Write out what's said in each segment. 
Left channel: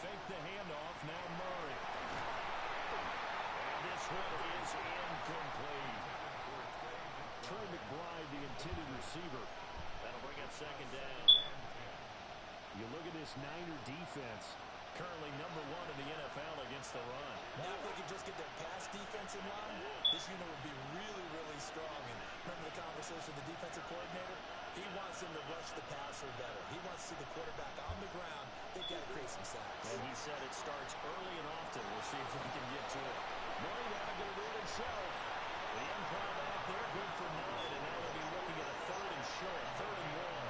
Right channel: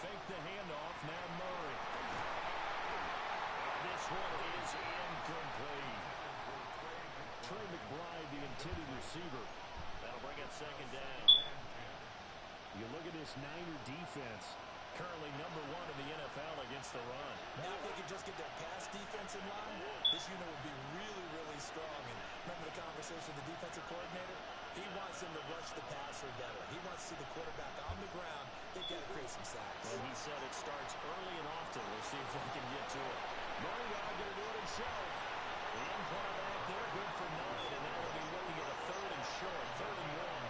fake the handoff. Now Murray. And this one is incomplete. Trey McBride, the intended receiver. That'll bring up second down. You look at this Niner defense. Currently number 1 in the NFL against the run. Now if they could just get their pass defense in line, this unit would be really, really strong. And remember the conversation with the defensive coordinator? He wants them to rush the passer better. He wants to see the quarterback on the ground. They've got to create some sacks. And he said it starts early and often. We'll see if we can get to it. Murray now going to do it himself. The empire back there, good for 9. And now they'll be looking at a 3rd and short, 3rd and 1.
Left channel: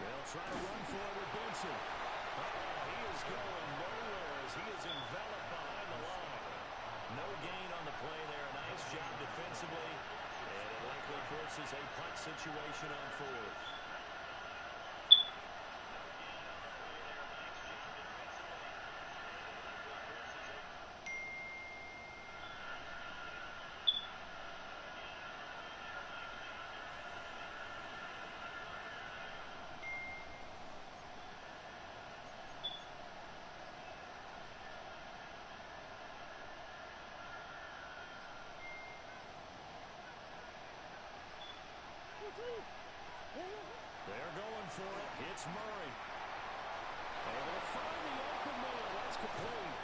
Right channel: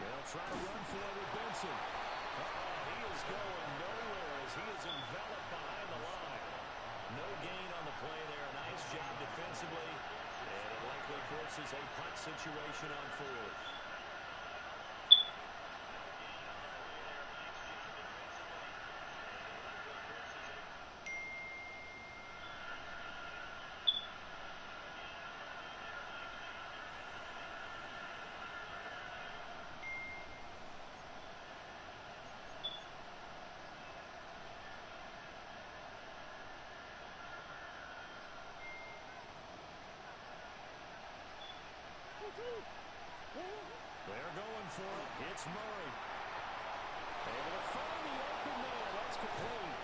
They'll try to run for it with Benson. He is going nowhere as he is enveloped behind the line. No gain on the play there. A nice job defensively. And it likely forces a punt situation on 4th. They're going for it. It's Murray. Able to find the open man. That's complete.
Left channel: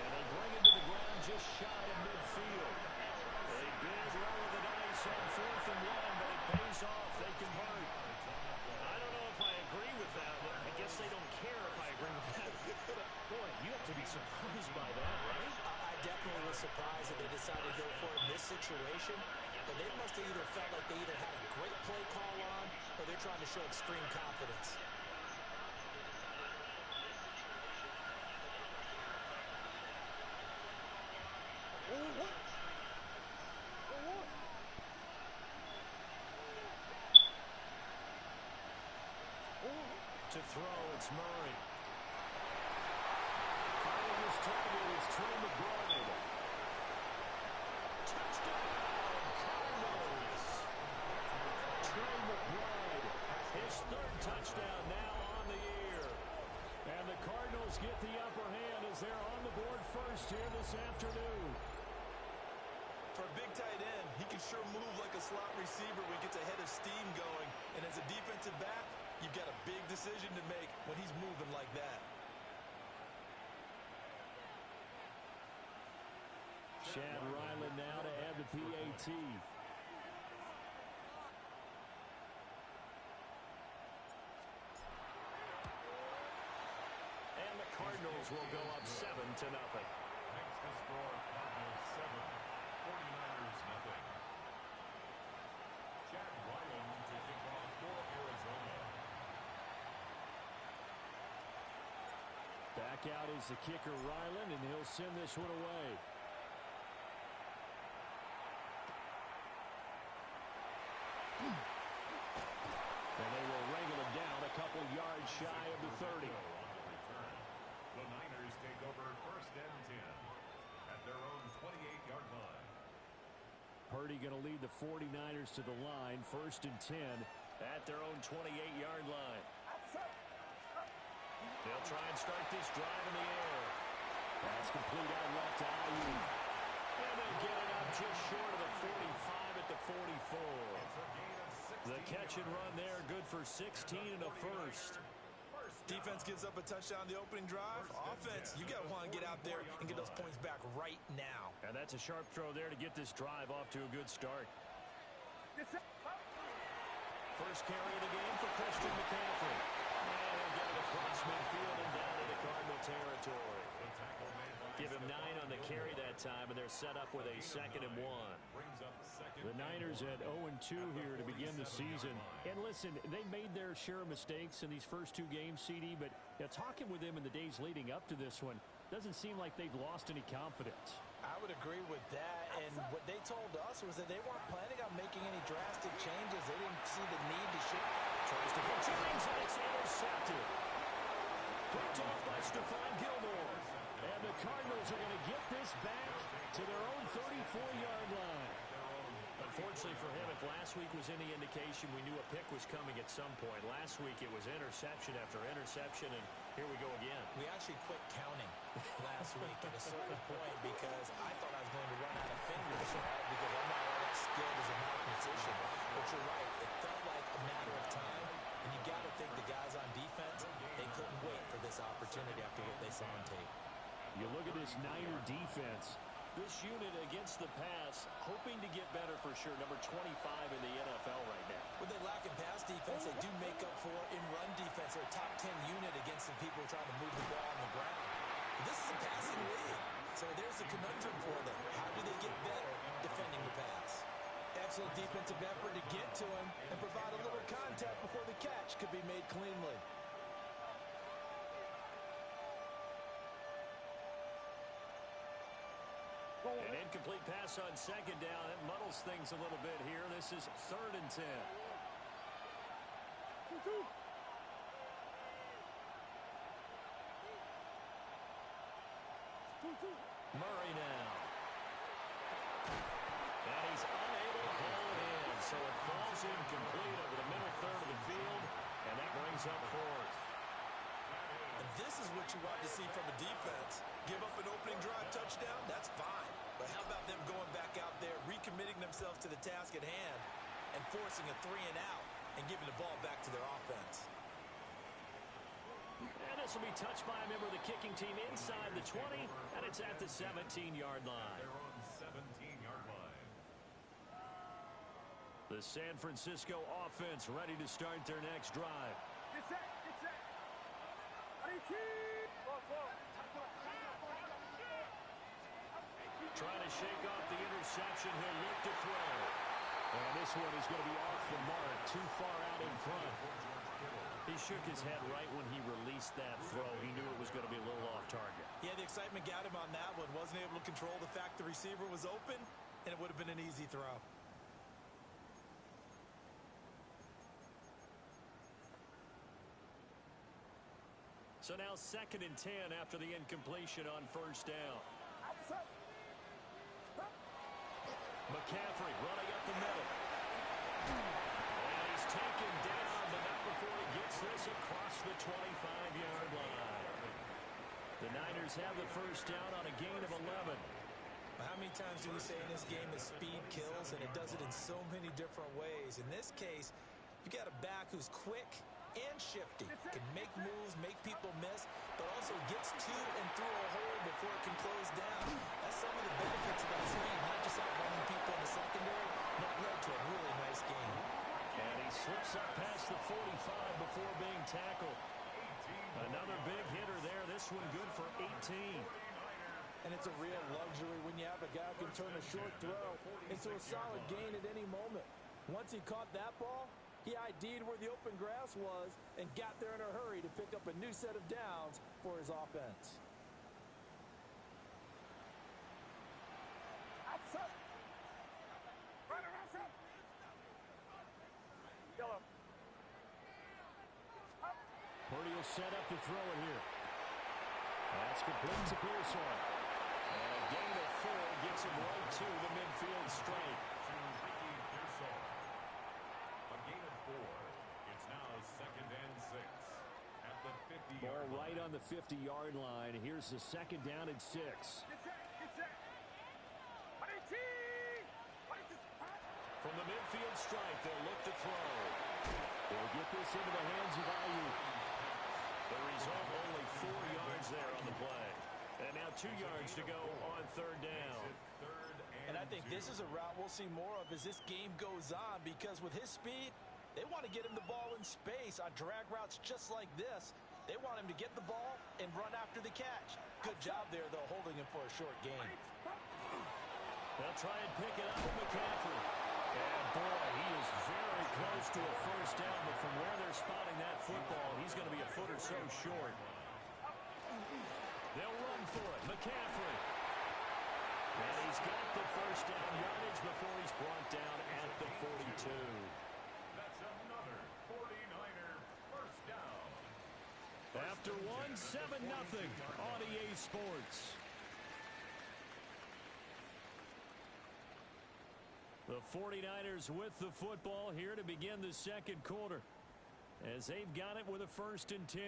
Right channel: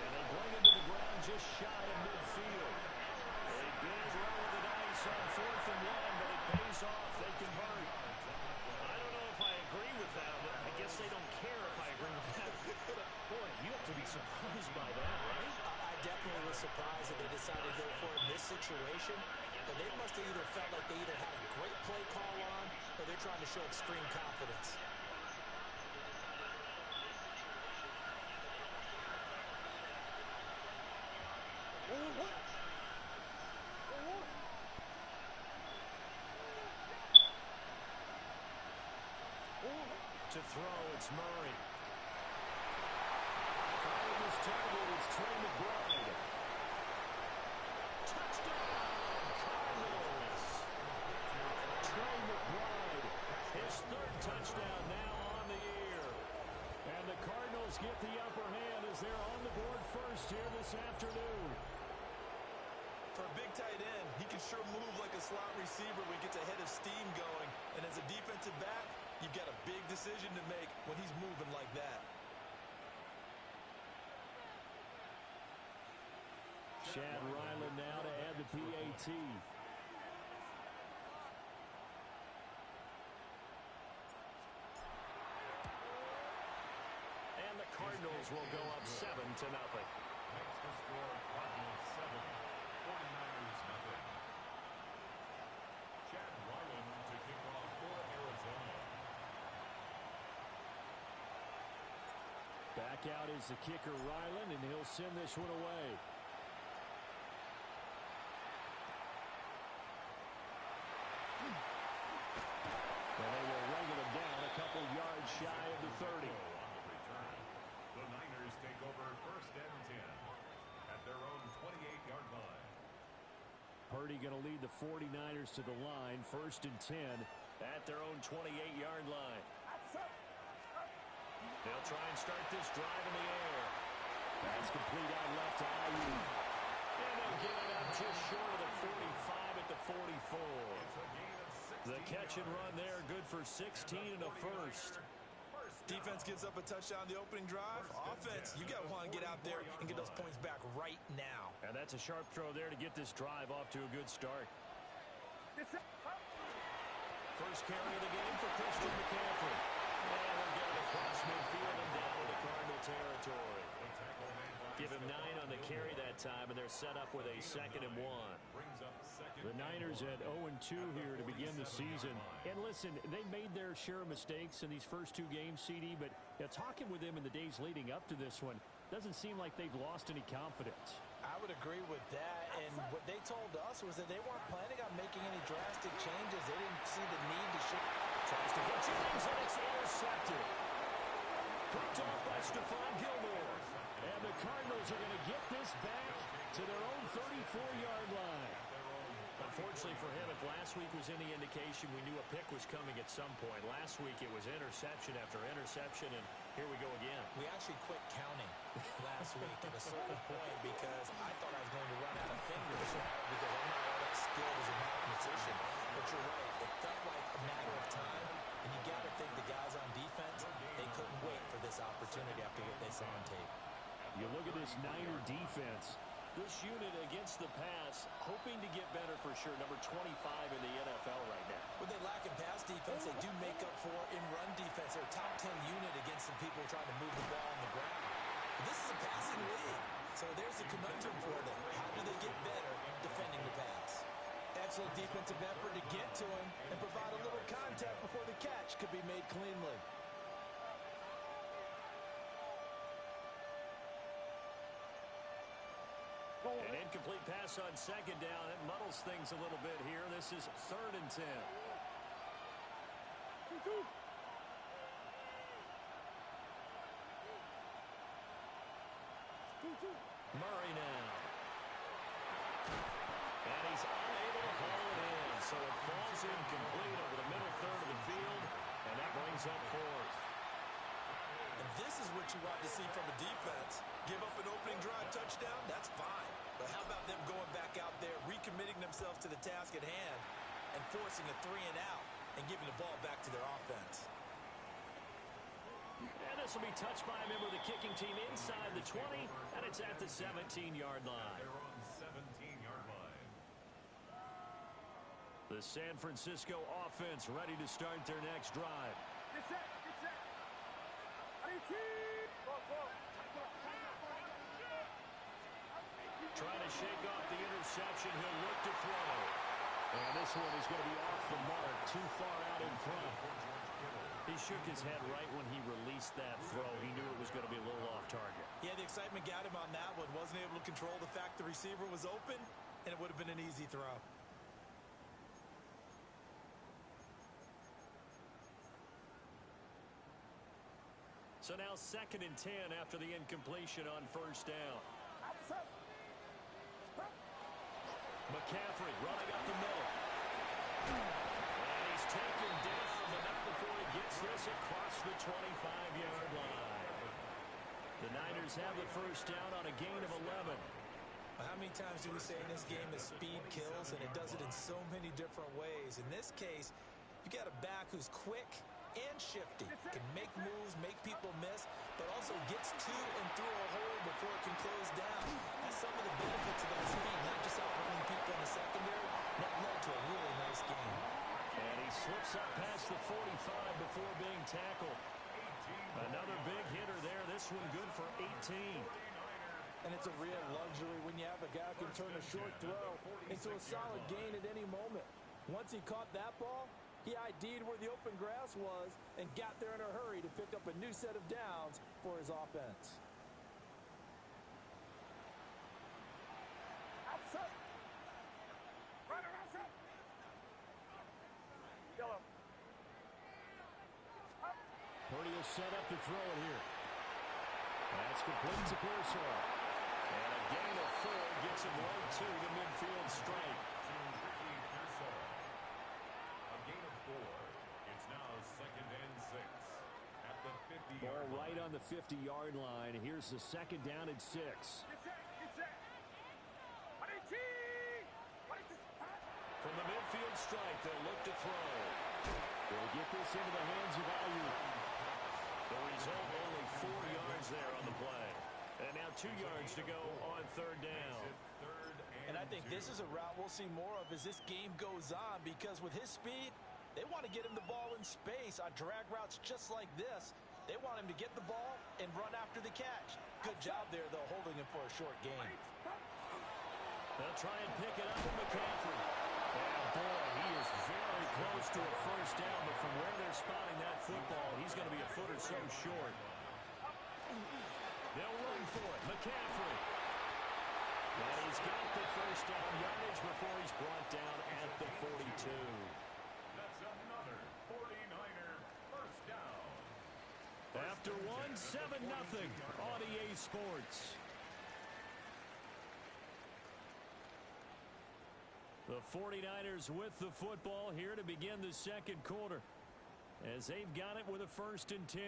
And they bring him to the ground just shy of midfield. A big roll of the dice on 4th and 1, but it pays off. They convert. I don't know if I agree with that, but I guess they don't care if I agree with that. Boy, you have to be surprised by that, right? I definitely was surprised that they decided to go for it in this situation. But they must have either felt like they either had a great play call on or they're trying to show extreme confidence. To throw, it's Murray. Finding his target, it's Trey McBride. Touchdown, Cardinals. Trey McBride, his 3rd touchdown now on the year. And the Cardinals get the upper hand as they're on the board first here this afternoon. For a big tight end, he can sure move like a slot receiver when he gets a head of steam going. And as a defensive back, you've got a big decision to make when he's moving like that. Chad Ryland now to add the PAT. And the Cardinals will go up 7-0. Next to score, Cardinals 7, 49ers 0. Chad Ryland to kick off for Arizona. Back out is the kicker Ryland, and he'll send this one away. And they will wrangle him down a couple yards shy of the 30. On the return, the Niners take over 1st and 10 at their own 28-yard line. Purdy going to lead the 49ers to the line, 1st and 10 at their own 28-yard line. They'll try and start this drive in the air. That's complete out left to Ayuk. And they'll get it up just short of the 45 at the 44. It's a gain of 16 The catch and run there, good for 16 and a first. Defense gives up a touchdown the opening drive. Offense, you got to want to get out there and get those points back right now. And that's a sharp throw there to get this drive off to a good start. First carry of the game for Christian McCaffrey. And he'll get it across midfield and down into Cardinal territory. Give him 9 on the carry that time, and they're set up with a 2nd and 1. The Niners at 0-2 here to begin the season. And listen, they made their share of mistakes in these first 2 games, CD, but Yeah, talking with them in the days leading up to this one, doesn't seem like they've lost any confidence. I would agree with that, and what they told us was that they weren't planning on making any drastic changes. They didn't see the need to shift. Tries to hit Jennings, and it's intercepted. Picked off by Stephon Gilmore. And the Cardinals are going to get this back to their own 34-yard line. Unfortunately for him, if last week was any indication, we knew a pick was coming at some point. Last week it was interception after interception, and here we go again. We actually quit counting last week at a certain point because I thought I was going to run out of fingers, right? Because I'm not all that skilled as a mathematician. But you're right. It felt like a matter of time, and you got to think the guys on defense, they couldn't wait for this opportunity after what they saw on tape. You look at this Niner defense. This unit against the pass, hoping to get better for sure. Number 25 in the NFL right now. When they lack in pass defense, they do make up for in run defense. They're a top 10 unit against some people trying to move the ball on the ground. But this is a passing league. So there's a conundrum for them. How do they get better defending the pass? Excellent defensive effort to get to him and provide a little contact before the catch could be made cleanly. An incomplete pass on second down. It muddles things a little bit here. This is 3rd and 10. Murray now. And he's unable to haul it in. So it falls incomplete over the middle third of the field. And that brings up 4th. And this is what you want to see from a defense. Give up an opening drive touchdown, that's fine. But how about them going back out there, recommitting themselves to the task at hand, and forcing a 3 and out, and giving the ball back to their offense. And this will be touched by a member of the kicking team inside the 20, and it's at the 17-yard line. They're on 17-yard line. The San Francisco offense ready to start their next drive. Get set, get set. Trying to shake off the interception. He'll look to throw. And this one is going to be off the mark, too far out in front. He shook his head right when he released that throw. He knew it was going to be a little off target. Yeah, the excitement got him on that one. Wasn't able to control the fact the receiver was open, and it would have been an easy throw. So now 2nd and 10 after the incompletion on 1st down. McCaffrey running up the middle. And he's taken down, but not before he gets this across the 25-yard line. The Niners have the 1st down on a gain of 11. How many times do we say in this game that speed kills, and it does it in so many different ways? In this case, you got a back who's quick and shifty, can make moves, make people miss, but also gets to and through a hole before it can close down. That's some of the benefits of that speed, not just outrunning people in the secondary. That led to a really nice game. And he slips up past the 45 before being tackled. Another big hitter there. This one good for 18. And it's a real luxury when you have a guy who can turn a short throw into a solid gain at any moment. Once he caught that ball, he ID'd where the open grass was and got there in a hurry to pick up a new set of downs for his offense. Purdy will set up to throw it here. That's complete to Pearsall. And a gain of 4 gets him right to the midfield strike. To Ricky Pearsall. A gain of 4. It's now 2nd and 6 at the 50-yard Ball line. right on the 50-yard line. Here's the 2nd down and 6. From the midfield stripe, they'll look to throw. They'll get this into the hands of Ayuk. The result, only 4 yards there on the play. And now 2 yards to go on 3rd down. And I think this is a route we'll see more of as this game goes on, because with his speed, they want to get him the ball in space on drag routes just like this. They want him to get the ball and run after the catch. Good job there, though, holding him for a short gain. They'll try and pick it up with McCaffrey. And boy, he is very close to a 1st down, but from where they're spotting that football, he's going to be a foot or so short. They'll run for it. McCaffrey. And he's got the first down yardage before he's brought down at the 42. That's another 49er first down. After one, 7-0 on EA Sports. The 49ers with the football here to begin the second quarter, as they've got it with a 1st and 10.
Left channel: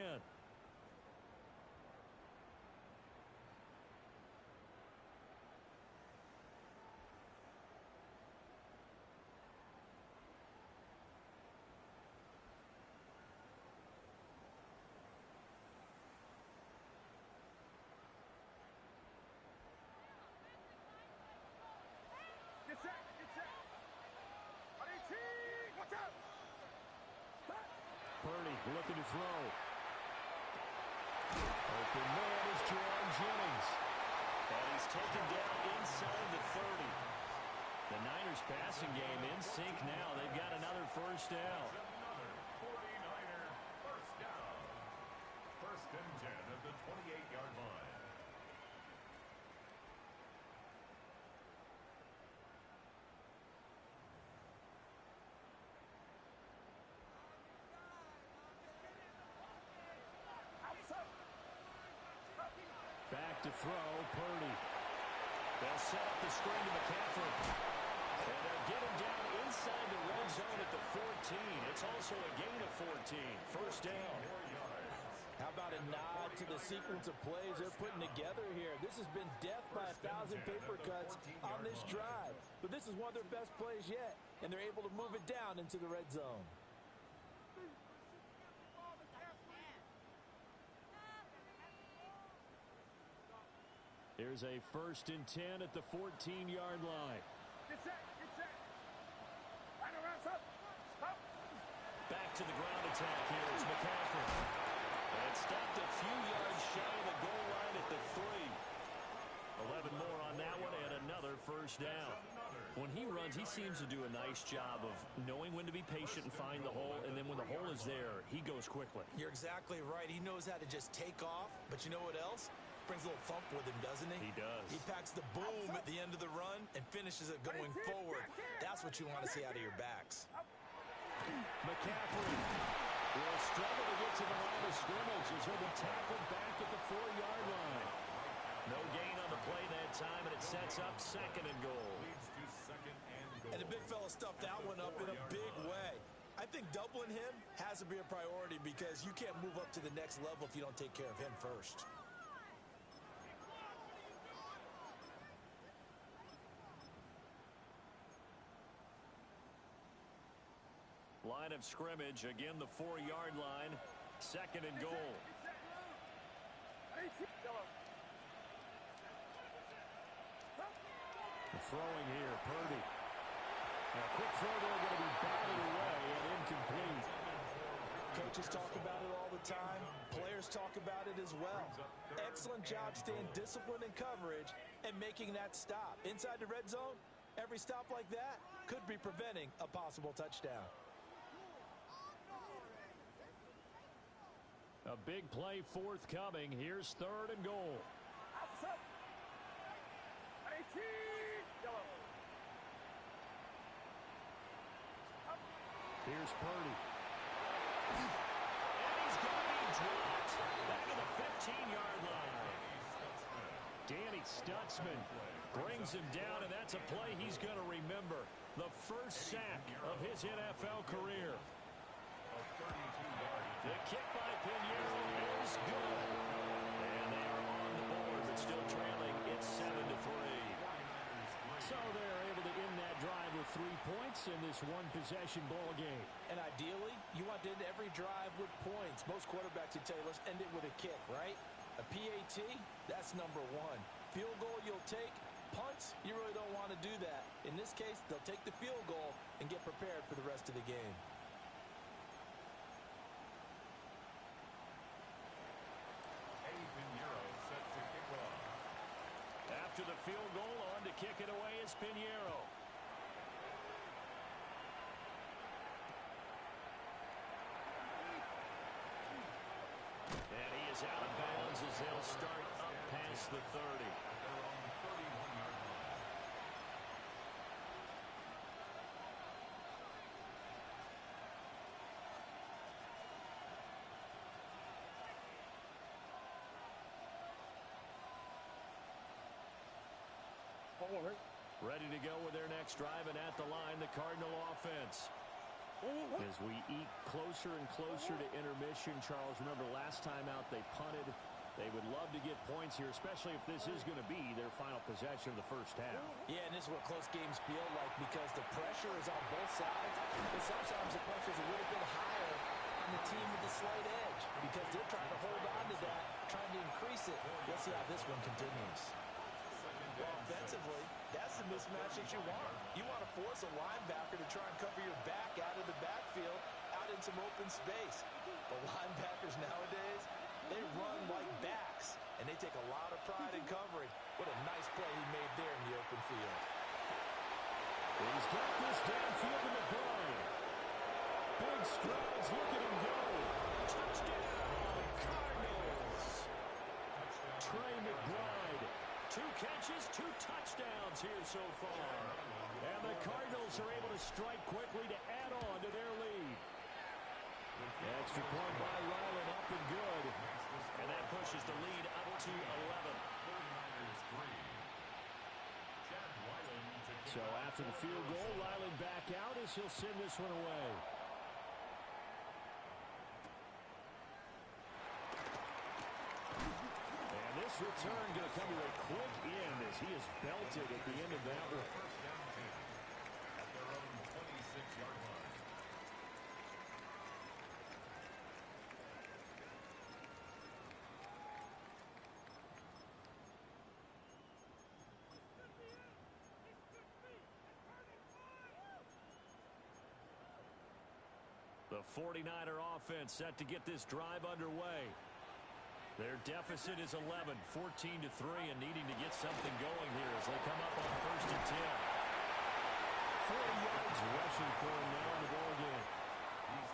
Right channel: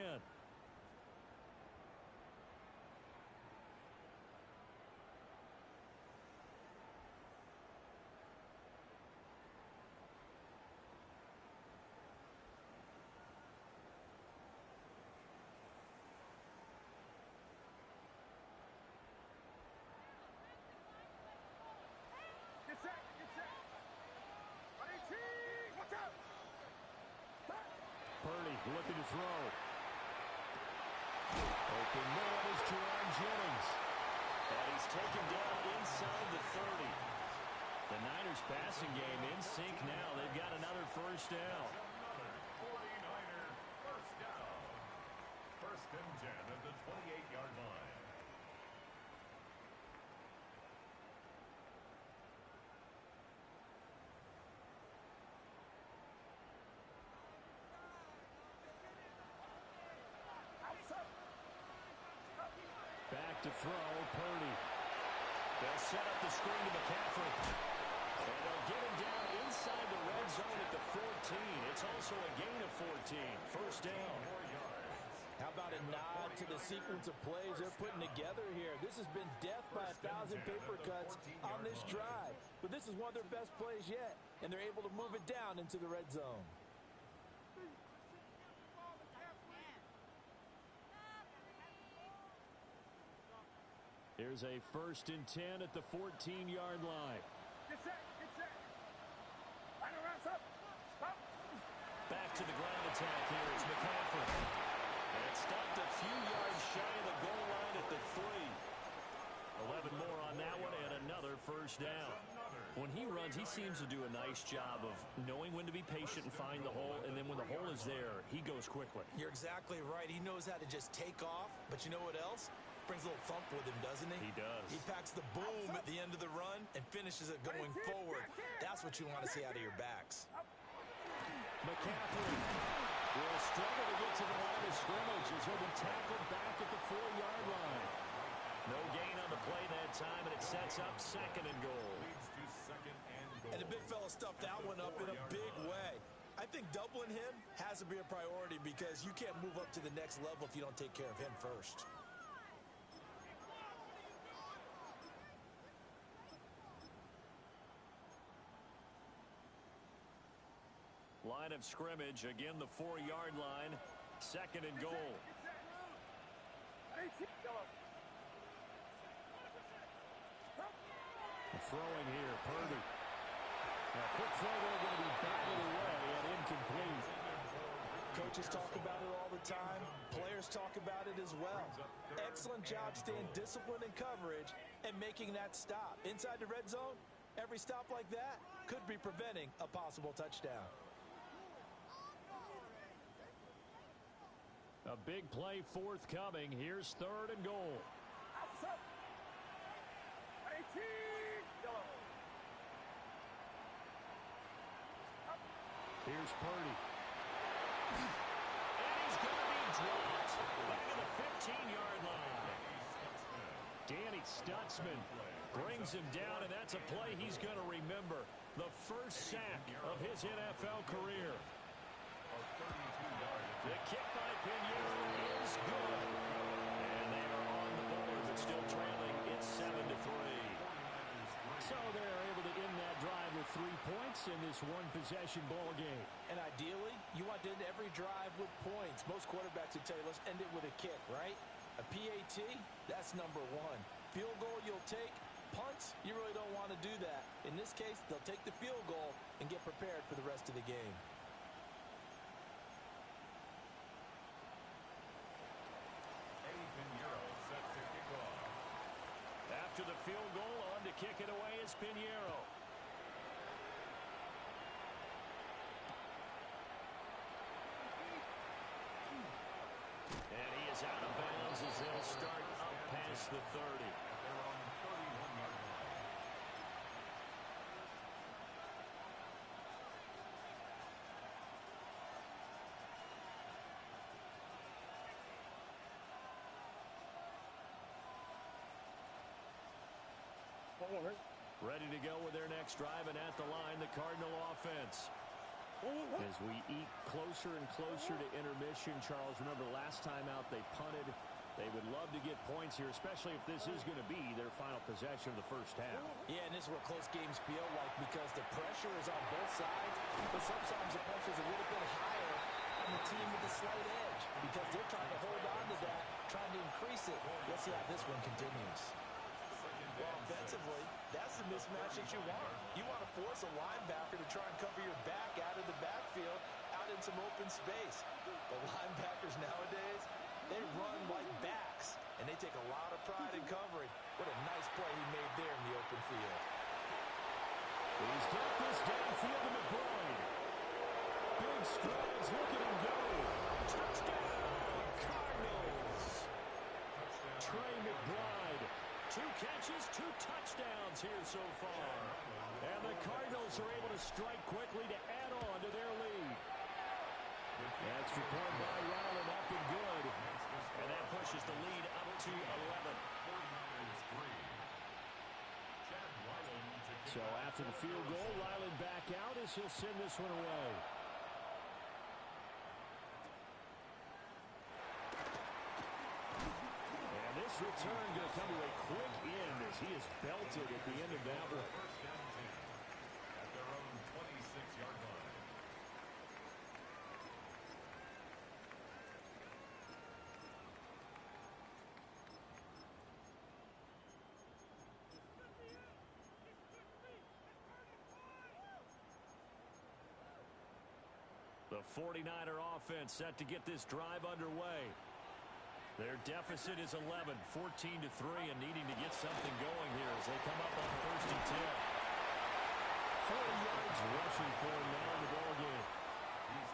Purdy looking to throw. Open man is Jerron Jennings. And he's taken down inside the 30. The Niners passing game in sync now. They've got another first down. Another 49er first down. 1st and 10 at the 28-yard line. Back to throw, Purdy. They'll set up the screen to McCaffrey. And they'll get him down inside the red zone at the 14. It's also a gain of 14. First down. How about a nod to the sequence of plays they're putting together here? This has been death by 1,000 paper cuts on this drive. But this is one of their best plays yet, and they're able to move it down into the red zone. Here's a 1st and 10 at the 14-yard line. Get set. Line around, stop. Back to the ground attack here is McCaffrey. And stopped a few yards shy of the goal line at the 3. 11 more on that one and another first down. When he runs, he seems to do a nice job of knowing when to be patient and find the hole, and then when the hole is there, he goes quickly. You're exactly right. He knows how to just take off, but you know what else? Brings a little thump with him, doesn't he? He does. He packs the boom at the end of the run and finishes it going forward. That's what you want to see out of your backs. McCaffrey will struggle to get to the line of scrimmage as he'll be tackled back at the 4-yard line. No gain on the play that time, and it sets up 2nd and goal. Leads to 2nd and goal. And the big fella stuffed that one up in a big way. I think doubling him has to be a priority because you can't move up to the next level if you don't take care of him first. Line of scrimmage, again the 4-yard line, 2nd and goal. Throwing here, Purdy. Now, quick throw there, going to be batted away and incomplete. Coaches talk about it all the time. Players talk about it as well. Excellent job staying disciplined in coverage and making that stop. Inside the red zone, every stop like that could be preventing a possible touchdown. A big play forthcoming. Here's 3rd and goal. Here's Purdy. And he's going to be dropped back at the 15-yard line. Danny Stutzman brings him down, and that's a play he's going to remember. The first sack of his NFL career. The kick by Pinheiro is good. And they are on the board, but still trailing. It's 7-3. So they're able to end that drive with 3 points in this one-possession ball game. And ideally, you want to end every drive with points. Most quarterbacks would tell you, let's end it with a kick, right? A PAT, that's number 1. Field goal you'll take. Punts, you really don't want to do that. In this case, they'll take the field goal and get prepared for the rest of the game. After the field goal, on to kick it away is Pinheiro. And he is out of bounds as they'll start up past the 30. At their own 31-yard line. Ready to go with their next drive, and at the line, the Cardinal offense. As we eke closer and closer to intermission, Charles, remember last time out they punted. They would love to get points here, especially if this is going to be their final possession of the first half. Yeah, and this is what close games feel like because the pressure is on both sides, but sometimes the pressure is a little bit higher on the team with the slight edge because they're trying to hold on to that, trying to increase it. Let's see how this one continues. Well, offensively, that's the mismatch that you want. You want to force a linebacker to try and cover your back out of the backfield, out in some open space. But linebackers nowadays, they run like backs, and they take a lot of pride in covering. What a nice play he made there in the open field. He's got this downfield to McBride. Big strides, look at him go. Touchdown, Cardinals. Trey McBride. 2 catches, 2 touchdowns here so far. And the Cardinals are able to strike quickly to add on to their lead. Extra point by Ryland, up and good. And that pushes the lead up to 11. So after the field goal, Ryland back out as he'll send this one away. And this return going to come to a quick end as he is belted at the end of that one. First down 10 at their own 26-yard line. The 49er offense set to get this drive underway. Their deficit is 11, 14-3, and needing to get something going here as they come up on 1st and 10. 40 yards rushing for him now in the ballgame.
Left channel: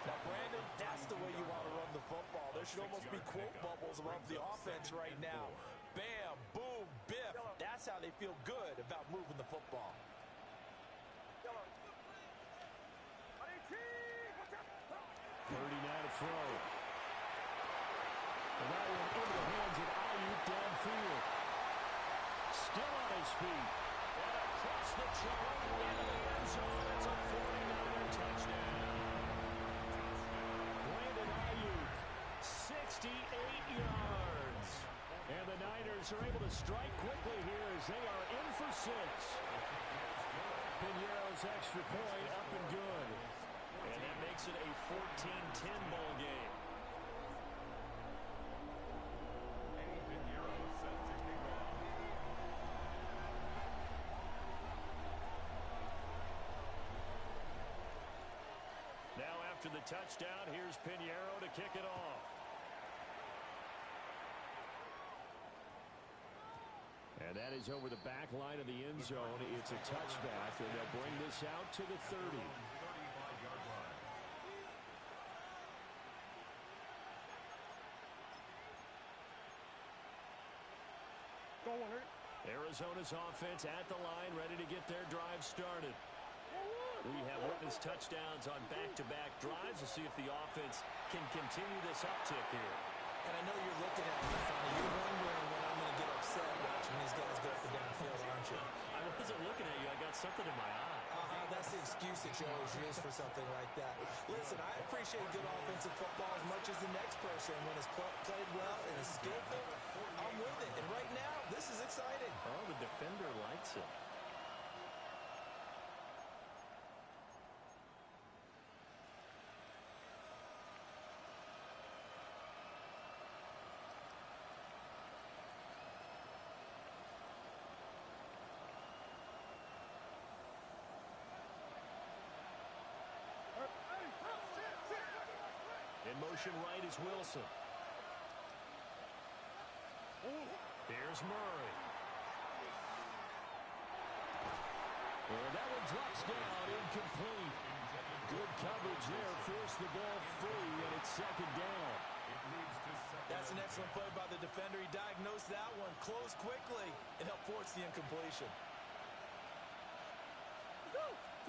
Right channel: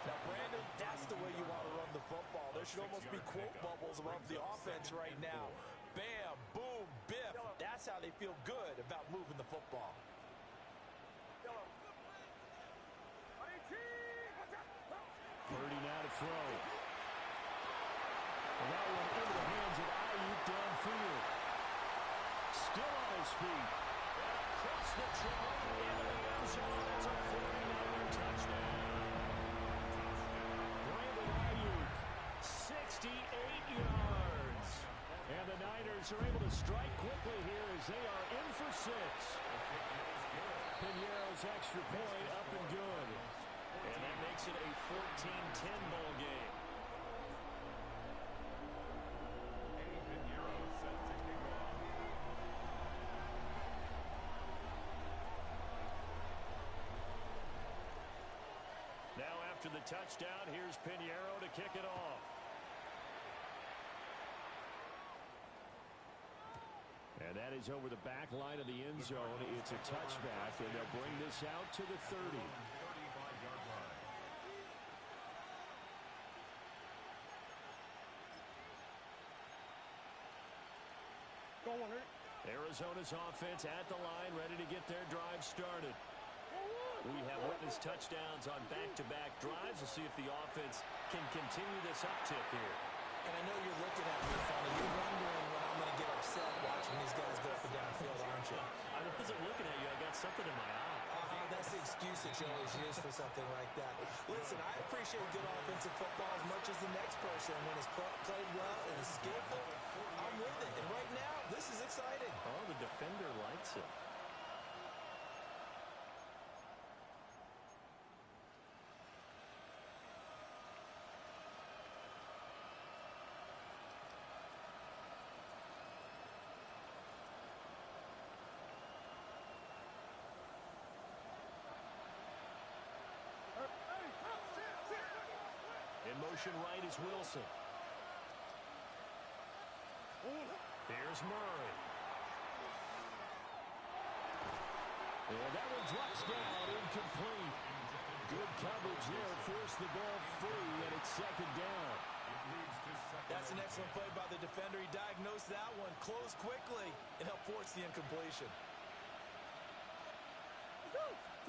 Now, Brandon, that's the way you want to run the football. There should almost be quote bubbles above the offense right now. Bam, boom, biff. That's how they feel good about moving the football. 30 now to throw. And that one into the hands of Ayuk downfield. Still on his feet. And across the chalk into the end zone. It's a 49er touchdown. Brandon Ayuk, 68 yards. And the Niners are able to strike quickly here as they are in for 6. Piñeiro's extra point up and good. And that makes it a 14-10 ball game. Eddie Piñeiro set to kick off. Now after the touchdown, here's Piñeiro to kick it off. And that is over the back line of the end zone. It's a touchback, and they'll bring this out to the 30. 35-yard line. Arizona's offense at the line, ready to get their drive started. We have witnessed touchdowns on back-to-back drives. We'll see if the offense can continue this uptick here. And I know you're looking at me funny. You're wondering when I'm going to get upset watching these guys go up and down the field, aren't you? I wasn't looking at you. I got something in my eye. That's the excuse that you always use for something like that. Listen, I appreciate good offensive football as much as the next person. When it's played well and is skillful, I'm with it. And right now, this is exciting. Oh, the defender likes it. In motion right is Wilson. Here's Murray. And that one drops down, incomplete. Good coverage there, forced the ball free, and it's 2nd down. It leads to 2nd. That's an excellent play by the defender. He diagnosed that one, closed quickly, and helped force the incompletion.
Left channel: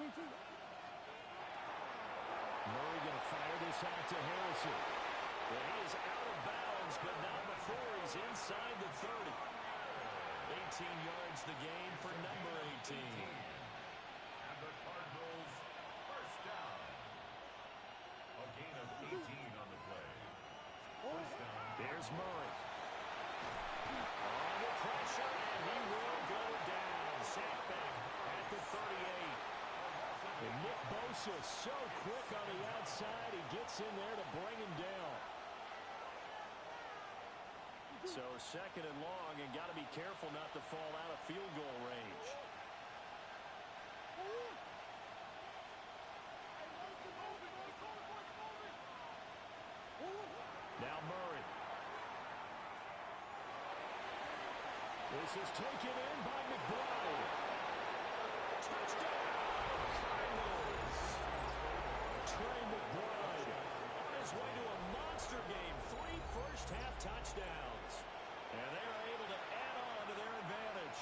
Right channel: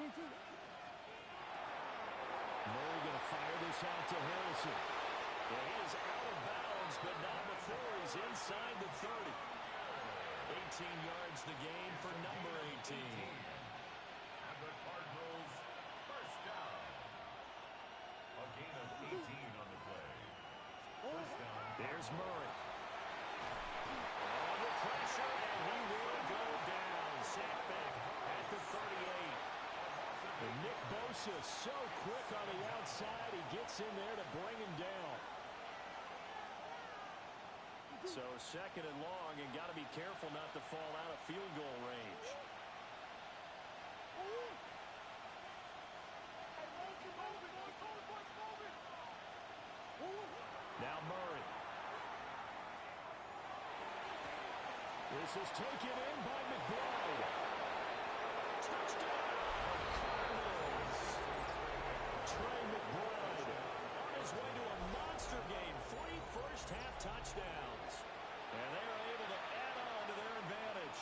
Murray going to fire this out to Harrison. And he is out of bounds, but not before he's inside the 30. 18 yards the gain for number 18. And the Cardinals first down. A gain of 18 on the play. First down. There's Murray. Under pressure, and he will go down. Sacked back at the 38. And Nick Bosa so quick on the outside. He gets in there to bring him down. So second and long, and got to be careful not to fall out of field goal range. Now Murray. This is taken in by McBride. Touchdown, Cardinals. Trey McBride on his way to a monster game. 3 first-half touchdowns. And they are able to add on to their advantage.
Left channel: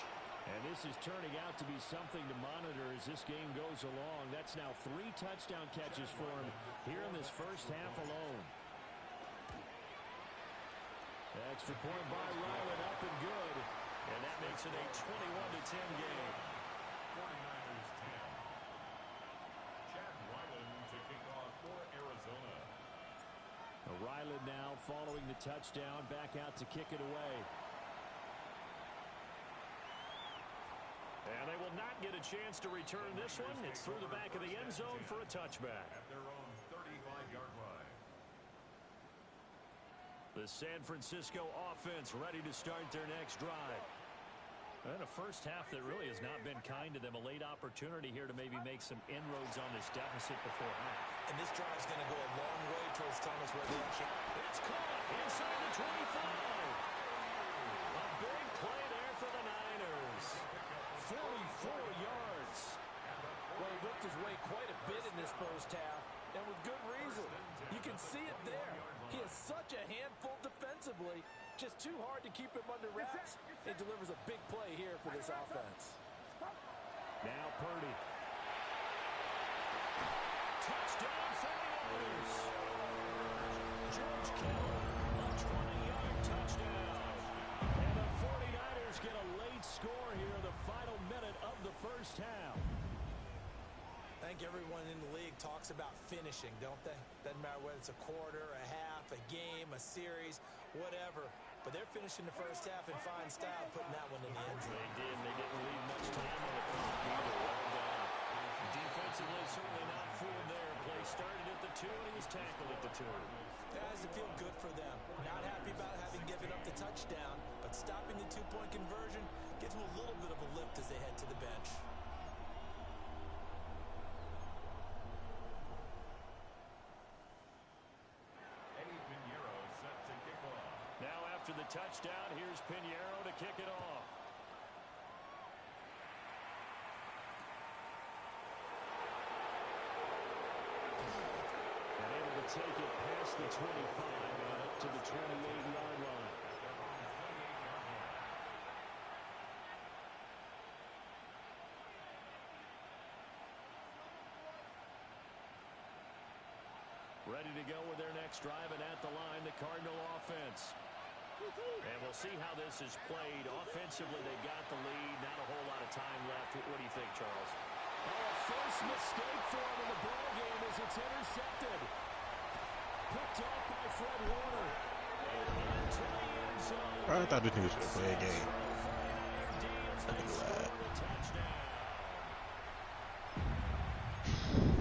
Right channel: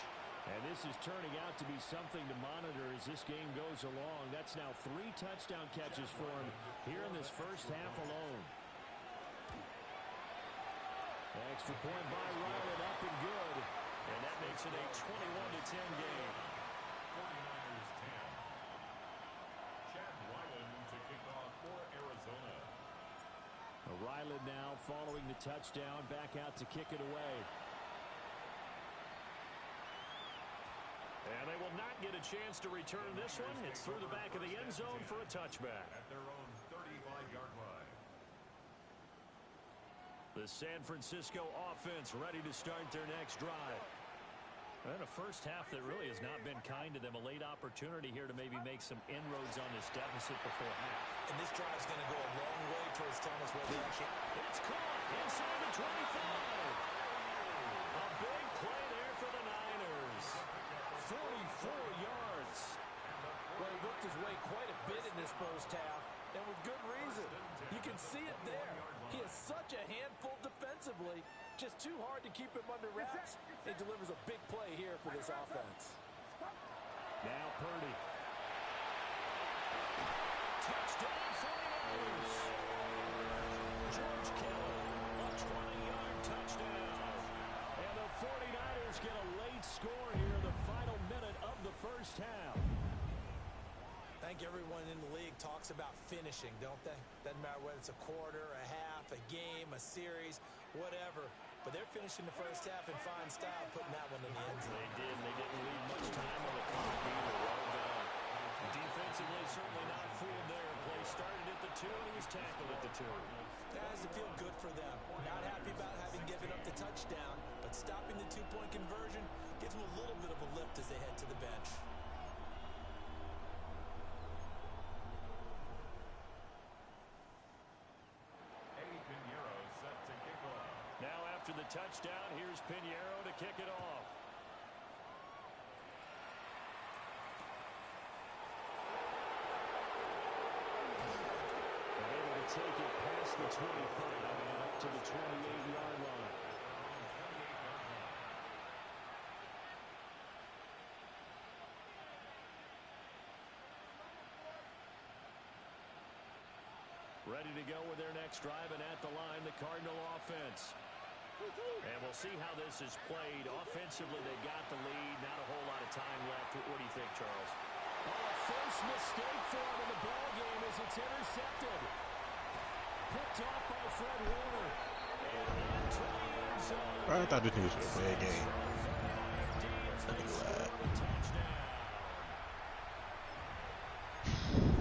And this is turning out to be something to monitor as this game goes along. That's now 3 touchdown catches for him here in this first half alone. Extra point by Ryland, up and good. And that makes it a 21-10 game. 49ers 10. Chad Ryland to kick off for Arizona. Ryland now following the touchdown, back out to kick it away. And they will not get a chance to return this one. It's through the back of the end zone for a touchback. At their own 35-yard line. The San Francisco offense ready to start their next drive. And a first half that really has not been kind to them. A late opportunity here to maybe make some inroads on this deficit before half. And this drive is going to go a long way towards telling us where they actually... It's caught inside the 25. A big play there for the Niners. 44 yards. Well, he looked his way quite a bit in this first half, and with good reason. You can see it there. He is such a handful defensively. Just too hard to keep him under wraps. He delivers a big play here for this offense. Now Purdy. Touchdown 49ers. George Kittle, a 20-yard touchdown. And the 49ers get a late score here in the final minute of the first half. I think everyone in the league talks about finishing, don't they? Doesn't matter whether it's a quarter, a half, a game, a series, whatever. But they're finishing the first half in fine style, putting that one in the end zone. They did, and they didn't leave much time on the clock either. Well done. Defensively, certainly not fooled there. Play started at the 2, and he was tackled at the 2. That has to feel good for them. Not happy about having given up the touchdown, but stopping the 2-point conversion gives them a little bit of a lift as they head to the bench. After the touchdown, here's Pinheiro to kick it off. And able to take it past the 25 and up to the 28-yard line. Ready to go with their next drive, and at the line, the Cardinal offense. And we'll see how this is played. Offensively, they got the lead. Not a whole lot of time left. What do you think, Charles? Oh, a first mistake for him in the ball game as it's intercepted. Picked off by Fred Warner. And into the end zone. I thought this was going to play a game. Look at that.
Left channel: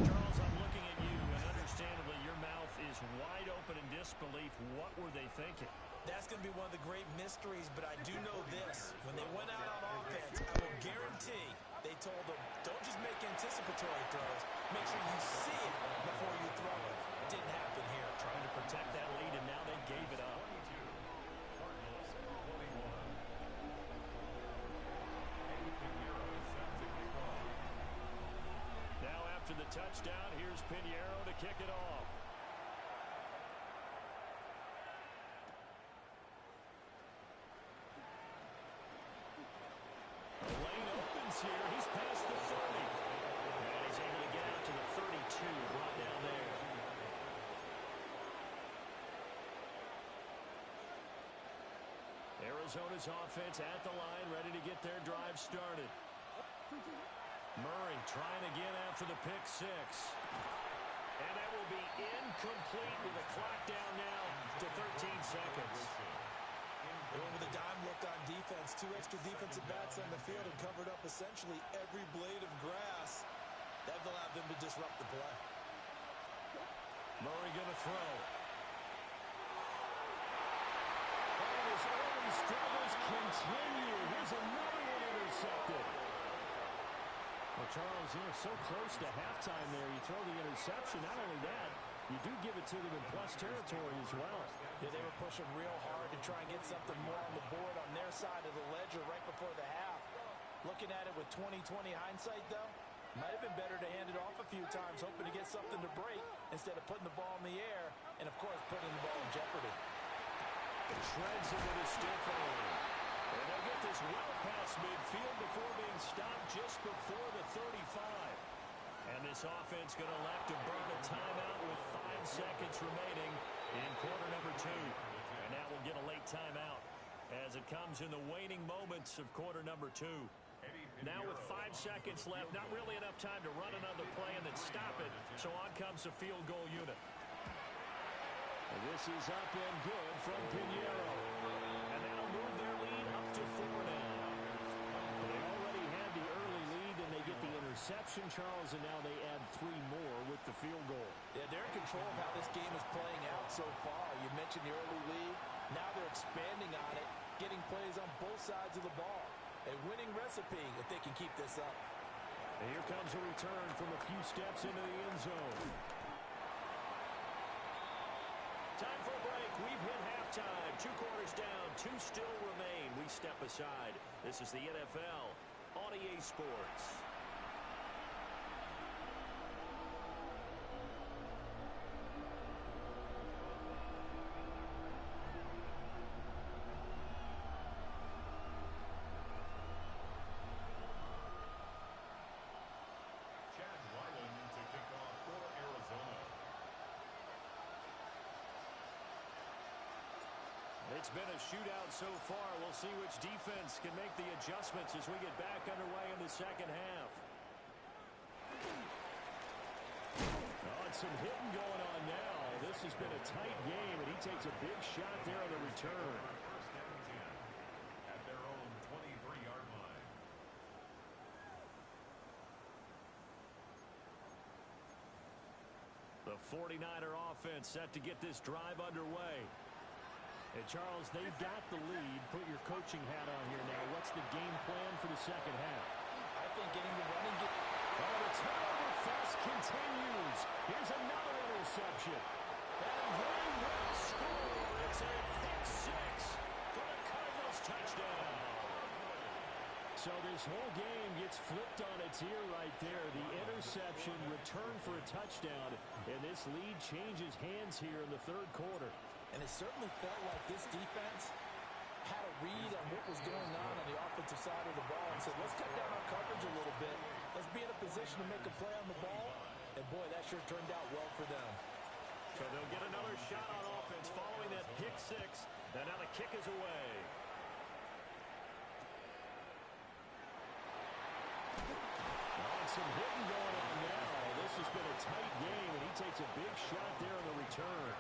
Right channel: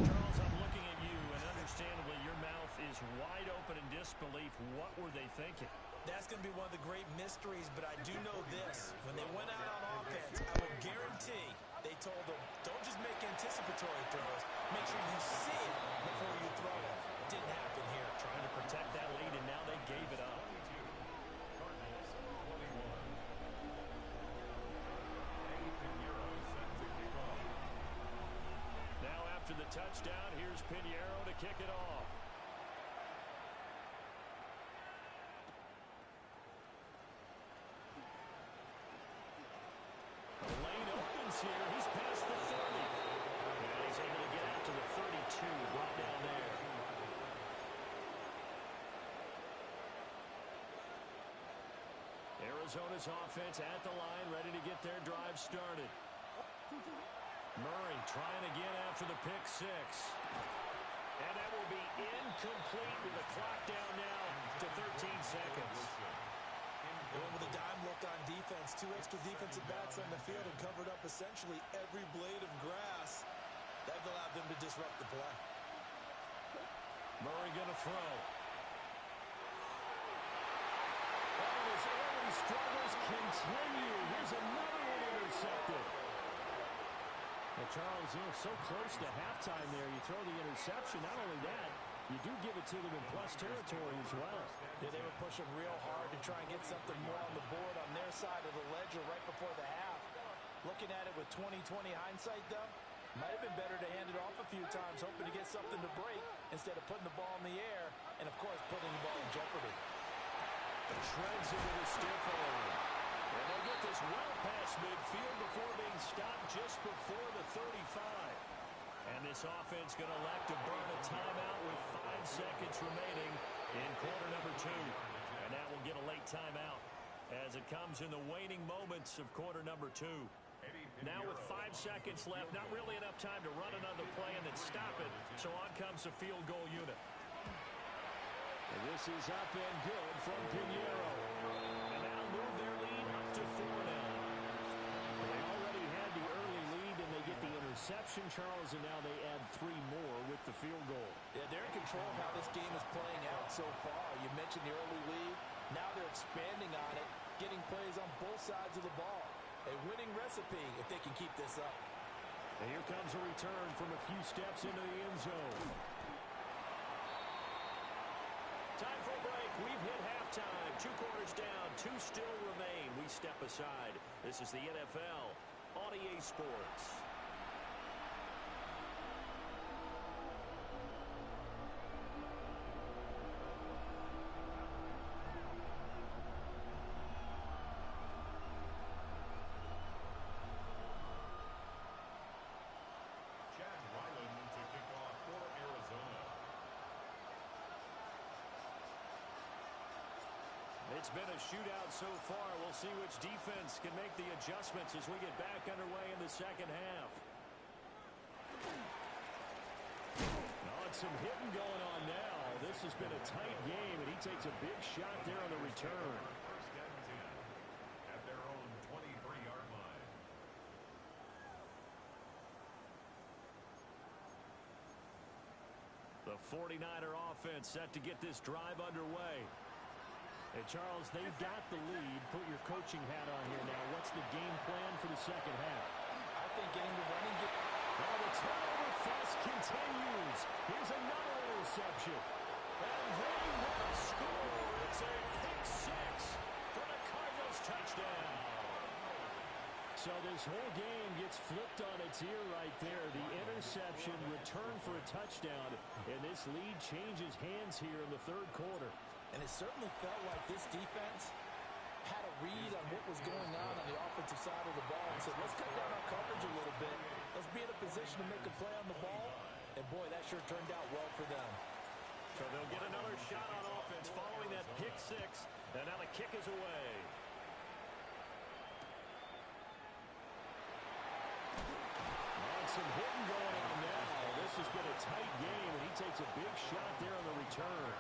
Charles, I'm looking at you, and understandably, your mouth is wide open in disbelief. What were they thinking? That's going to be one of the great mysteries, but I do know this. When they went out on offense, I will guarantee they told them, don't just make anticipatory throws. Make sure you see it before you throw it. Didn't happen here. Trying to protect that lead, and now they gave it up. 22, Cardinals 21. Pinheiro set to kick off. Now after the touchdown, here's Pinheiro to kick it off. distance here. He's past the 30. And he's able to get out to the 32, brought down there. Arizona's offense at the line, ready to get their drive started. Murray trying again after the pick six. And that will be incomplete with the clock down now to 13 seconds. They went with a dime look on defense. 2 extra defensive backs on the field and covered up essentially every blade of grass. That allowed them to disrupt the play. Murray going to throw. And his early struggles continue. Here's another one intercepted. Well, Charles, so close to halftime there. You throw the interception. Not only that, you do give it to them in plus territory as well. Yeah, they were pushing real hard to try and get something more on the board on their side of the ledger right before the half. Looking at it with 20/20 hindsight, though, might have been better to hand it off a few times, hoping to get something to break instead of putting the ball in the air and, of course, putting the ball in jeopardy. Shreds it with a stiff arm. And they'll get this well past midfield before being stopped just before the 35. And this offense going to elect to burn a timeout with 5 seconds remaining in quarter number 2. And that will get a late timeout as it comes in the waning moments of quarter number 2. Now with 5 seconds left, not really enough time to run another play and then stop it. So on comes the field goal unit. And this is up and good from Pinheiro. And they'll move their lead up to 4 now. Well, they already had the early lead, and they get the interception, Charles, and now they add 3 more with the field goal. Yeah, they're in control of how this game is playing out so far. You mentioned the early lead. Now they're expanding on it, getting plays on both sides of the ball. A winning recipe if they can keep this up. And here comes a return from a few steps into the end zone. Time for a break. We've hit halftime. 2 quarters down. 2 still remain. We step aside. This is the NFL on EA Sports. It's been a shootout so far. We'll see which defense can make the adjustments as we get back underway in the second half. Oh, and some hitting going on now. This has been a tight game, and he takes a big shot there on the return. First and 10 at their own 23-yard line. The 49er offense set to get this drive underway. And, Charles, they've got the lead. Put your coaching hat on here now. What's the game plan for the second half? I think getting the running game. Oh, the turnover fest continues. Here's another interception. And they will score. It's a pick six for the Cardinals touchdown. So this whole game gets flipped on its ear right there. The interception, return for a touchdown. And this lead changes hands here in the third quarter. And it certainly felt like this defense had a read on what was going on the offensive side of the ball and said, let's cut down our coverage a little bit. Let's be in a position to make a play on the ball. And, boy, that sure turned out well for them. So they'll get another shot on offense following that pick six. And now the kick is away. Oh, and some hitting going on now. This has been a tight game, and he takes a big shot there on the return.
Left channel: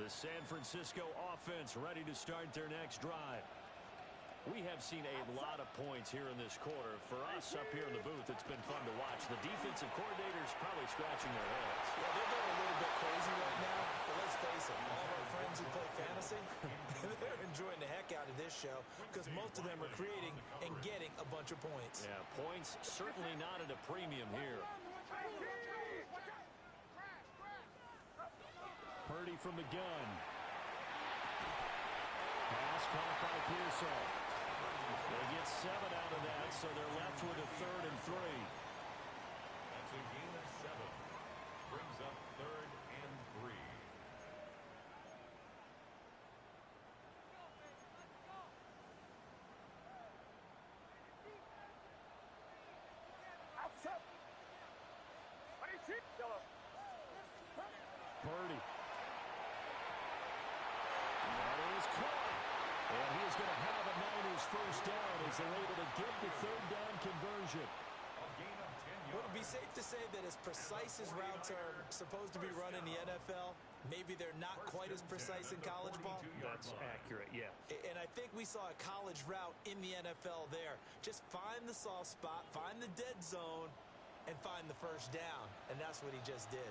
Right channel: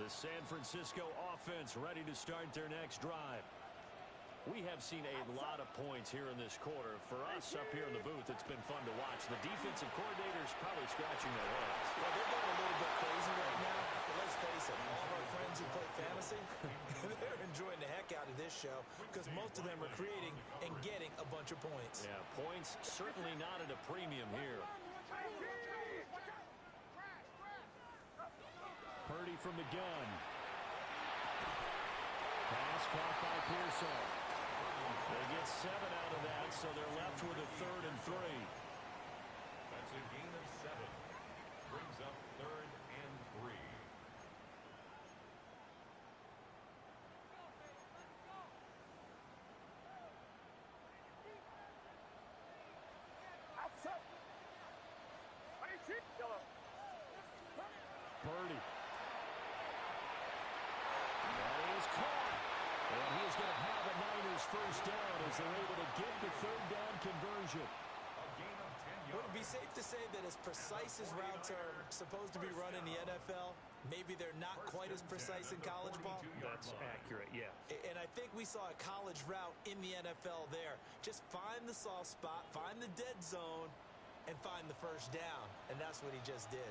The San Francisco offense ready to start their next drive. We have seen a lot of points here in this quarter. For us up here in the booth, it's been fun to watch. The defensive coordinators probably scratching their heads. Well, they're going a little bit crazy right now, but let's face it, all of our friends who play fantasy, they're enjoying the heck out of this show because most of them are creating and getting a bunch of points. Yeah, points certainly not at a premium here. Purdy from the gun. Pass caught by Pearsall. They get 7 out of that, so they're left with a 3rd and 3. That's a gain of 7. Brings up 3rd and 3. is going to have a Niners first down as they're able to get the third down conversion. A gain of 10 Would it yards. be safe to say that as precise as routes are supposed to be run in the NFL, maybe they're not quite as precise in college ball? That's accurate, yeah. And I think we saw a college route in the NFL there. Just find the soft spot, find the dead zone, and find the first down. And that's what he just did.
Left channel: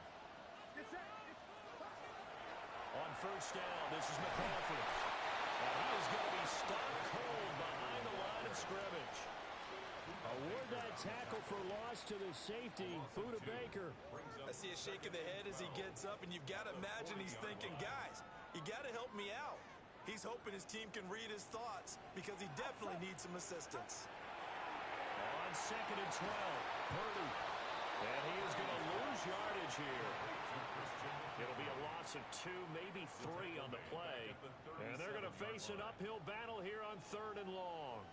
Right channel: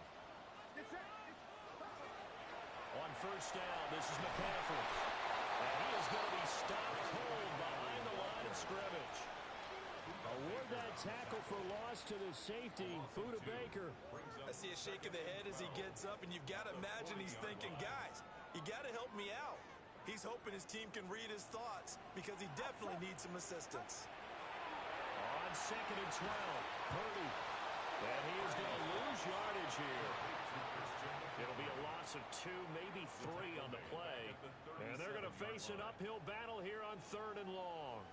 On first down, this is McCaffrey. And he is going to be stopped cold behind the line of scrimmage. Award that tackle for loss to the safety, Buda Baker. I see a shake of the head as he gets up, and you've got to imagine he's thinking, guys, you got to help me out. He's hoping his team can read his thoughts because he definitely needs some assistance. On second and 12, Purdy. And he is going to lose yardage here. It'll be a loss of 2, maybe 3 on the play. And they're going to face an uphill battle here on third and long.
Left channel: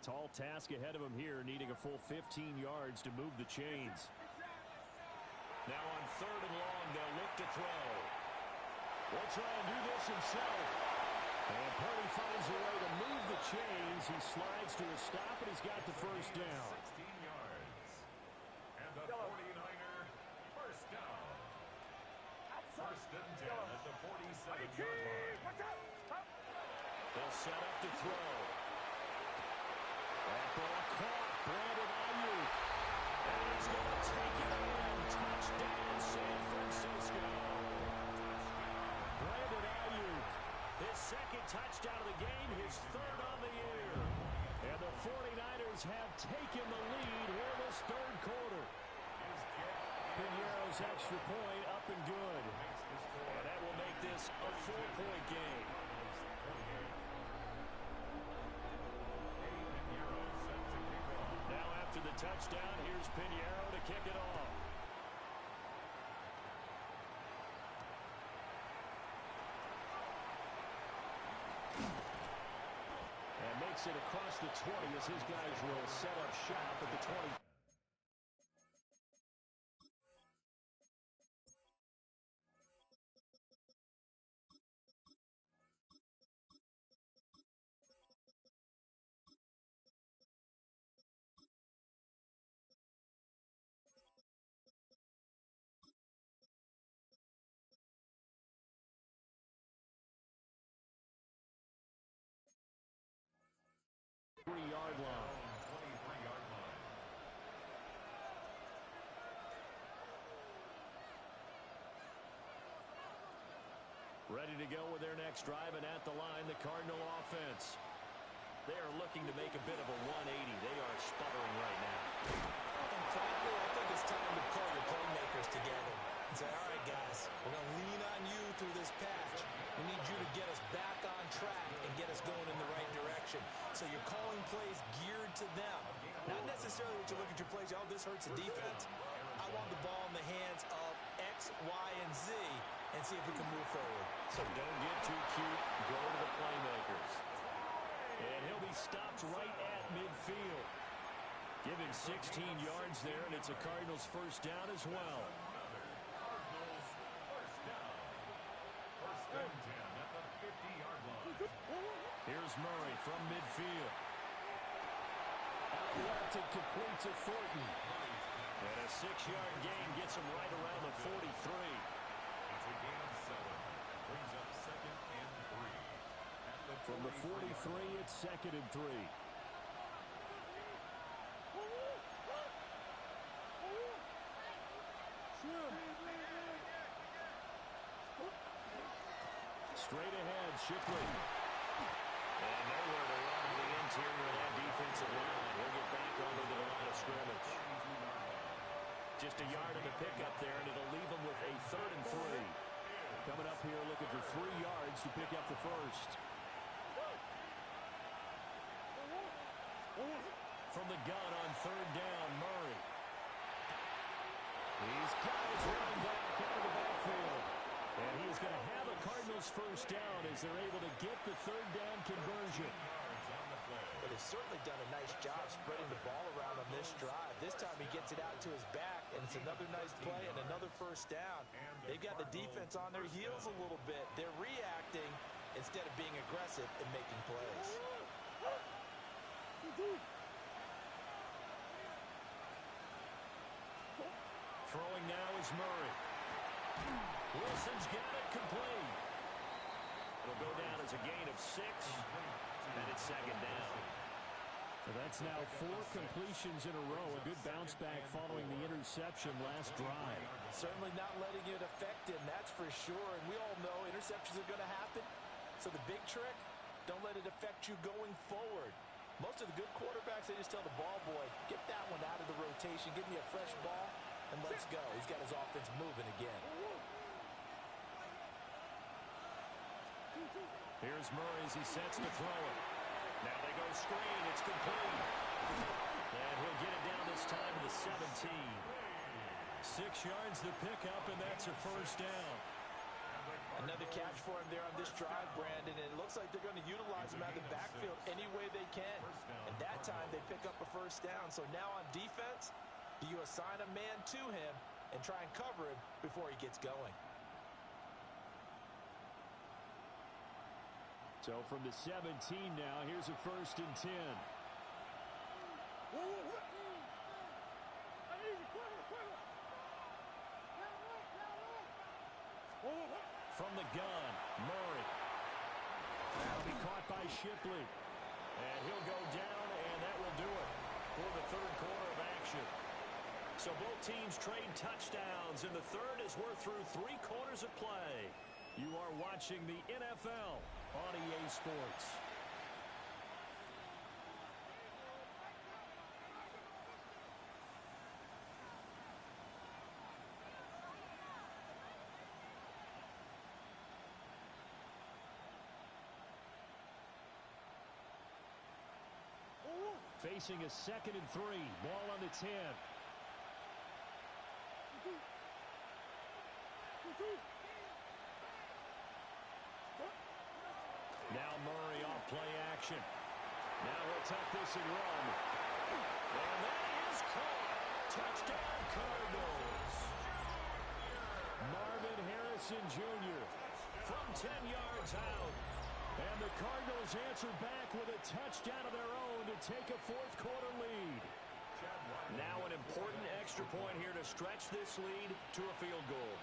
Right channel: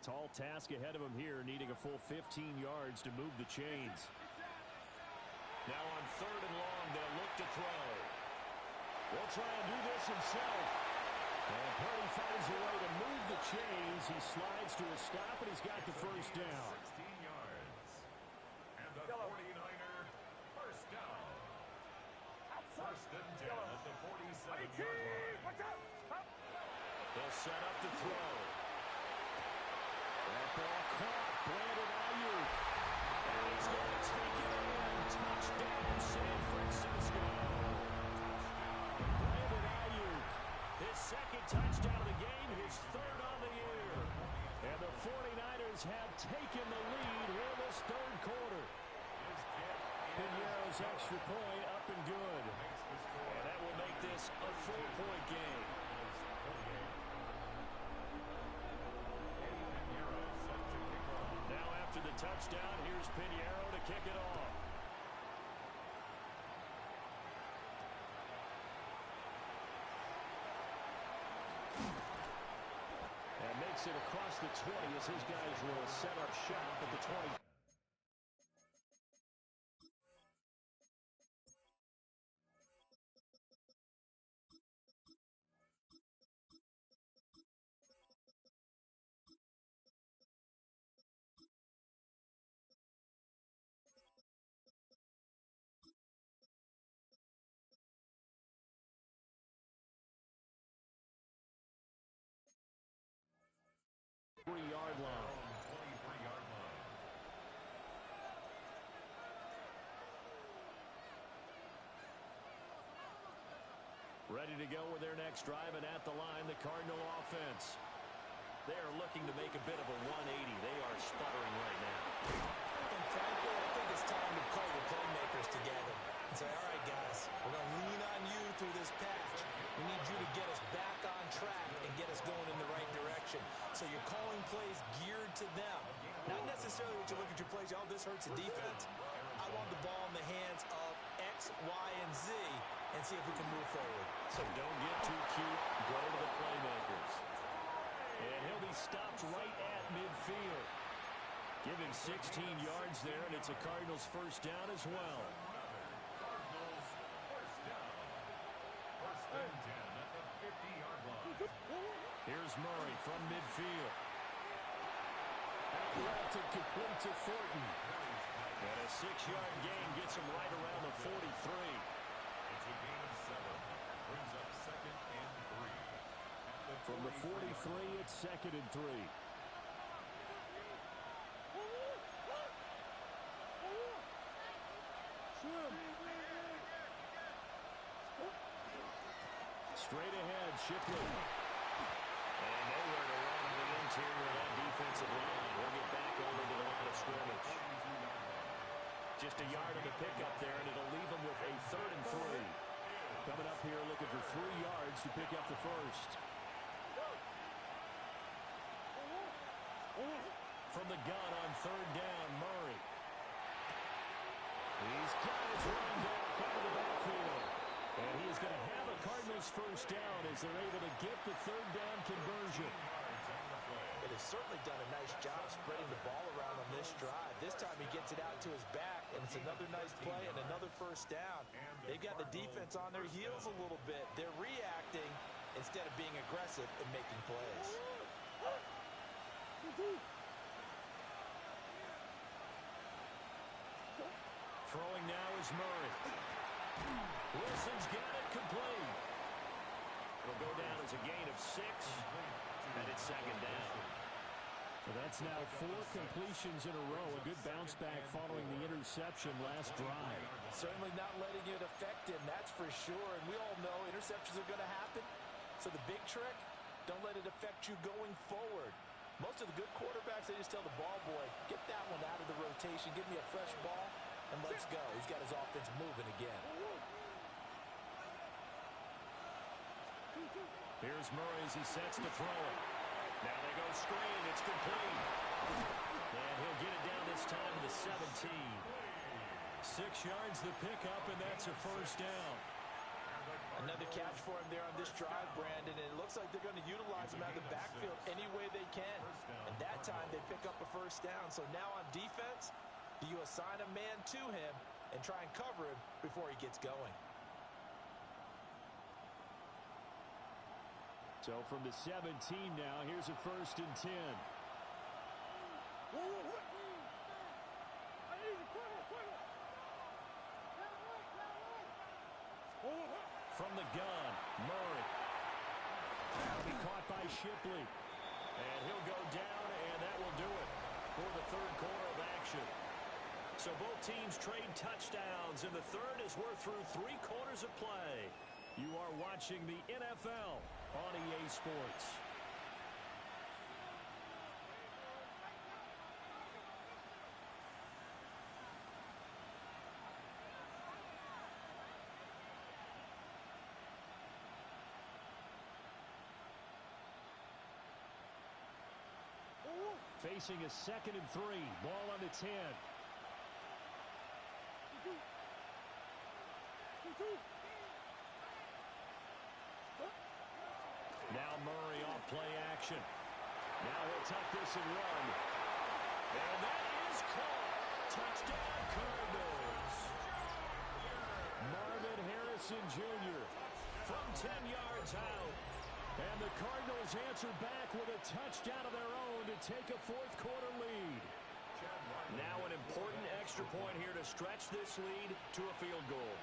Tall task ahead of him here, needing a full 15 yards to move the chains. Now on third and long, they'll look to throw. He'll try and do this himself. And Purdy finds a way to move the chains. He slides to a stop, and he's got the first down. 16 yards. And the 49er first down. First and 10 at the 47-yard line. They'll set up to throw. That ball caught. Brandon Ayuk. And he's going to take it in. Touchdown, San Francisco. Brandon Ayuk. His second touchdown of the game. His third on the year. And the 49ers have taken the lead here this third quarter. Piñeiro's extra point up and good. And that will make this a 4-point game. Now after the touchdown, here's Piñeiro to kick it off. And makes it across the 20 as his guys will set up shop at the 20. Yard line. 23-yard line. Ready to go with their next drive, and at the line, the Cardinal offense. They are looking to make a bit of a 180. They are sputtering right now. And frankly, I think it's time to call your playmakers together and say, all right, guys, we're going to lean on you through this patch. We need you to get us back on track and get us going in the right direction. So you're calling plays geared to them. Not necessarily what you look at your plays, oh, this hurts the defense. I want the ball in the hands of X, Y, and Z and see if we can move forward. So don't get too cute. Go to the playmakers. And he'll be stopped right at midfield. Give him 16 yards there, and it's a Cardinals first down as well. Cardinals first down. First and 10 at the 50-yard line. Here's Murray from midfield. Out left and complete to Thornton. And a 6-yard gain gets him right around the 43. It's a gain of 7. Brings up second and 3. From the 43, it's second and 3. Straight ahead, Shipley. And nowhere to run on the interior of that defensive line. He'll get back over to the line of scrimmage. Just a yard of the pickup there, and it'll leave him with a third and 3. Coming up here looking for 3 yards to pick up the first. From the gun on third down, Murray. He's got his run back out of the backfield. And he is going to have a Cardinals first down as they're able to get the third down conversion. yards on the play. they've certainly done a nice job spreading the ball around on this drive. This time he gets it out to his back, and it's another nice play and another first down. They've got the defense on their heels a little bit. They're reacting instead of being aggressive and making plays. Throwing now is Murray. Wilson's got it complete. It'll go down as a gain of 6, and it's second down. So that's now 4 completions in a row. A good bounce back following the interception last drive. Certainly not letting it affect him, that's for sure. And we all know interceptions are going to happen. So the big trick, don't let it affect you going forward. Most of the good quarterbacks, they just tell the ball boy, get that one out of the rotation, give me a fresh ball, and let's go. He's got his offense moving again. Here's Murray as he sets to throw it. Now they go screen. It's complete. And he'll get it down this time to the 17. 6 yards the pickup, and that's a first down. Another catch for him there on this drive, Brandon, and it looks like they're going to utilize him out of the backfield any way they can. And that time they pick up a first down. So now on defense, do you assign a man to him and try and cover him before he gets going? So from the 17 now, here's a 1st and 10. From the gun, Murray. That'll be caught by Shipley. And he'll go down, and that will do it for the 3rd quarter of action. So both teams trade touchdowns, and the third as we're through 3 quarters of play. You are watching the NFL on EA Sports. Facing a 2nd and 3. Ball on the 10. Now Murray off play action. Now he'll tuck this and run. And that is caught. Touchdown Cardinals. Marvin Harrison Jr. from 10 yards out. And the Cardinals answer back with a touchdown of their own to take a 4th quarter lead. Now an important extra point here to stretch this lead to a field goal.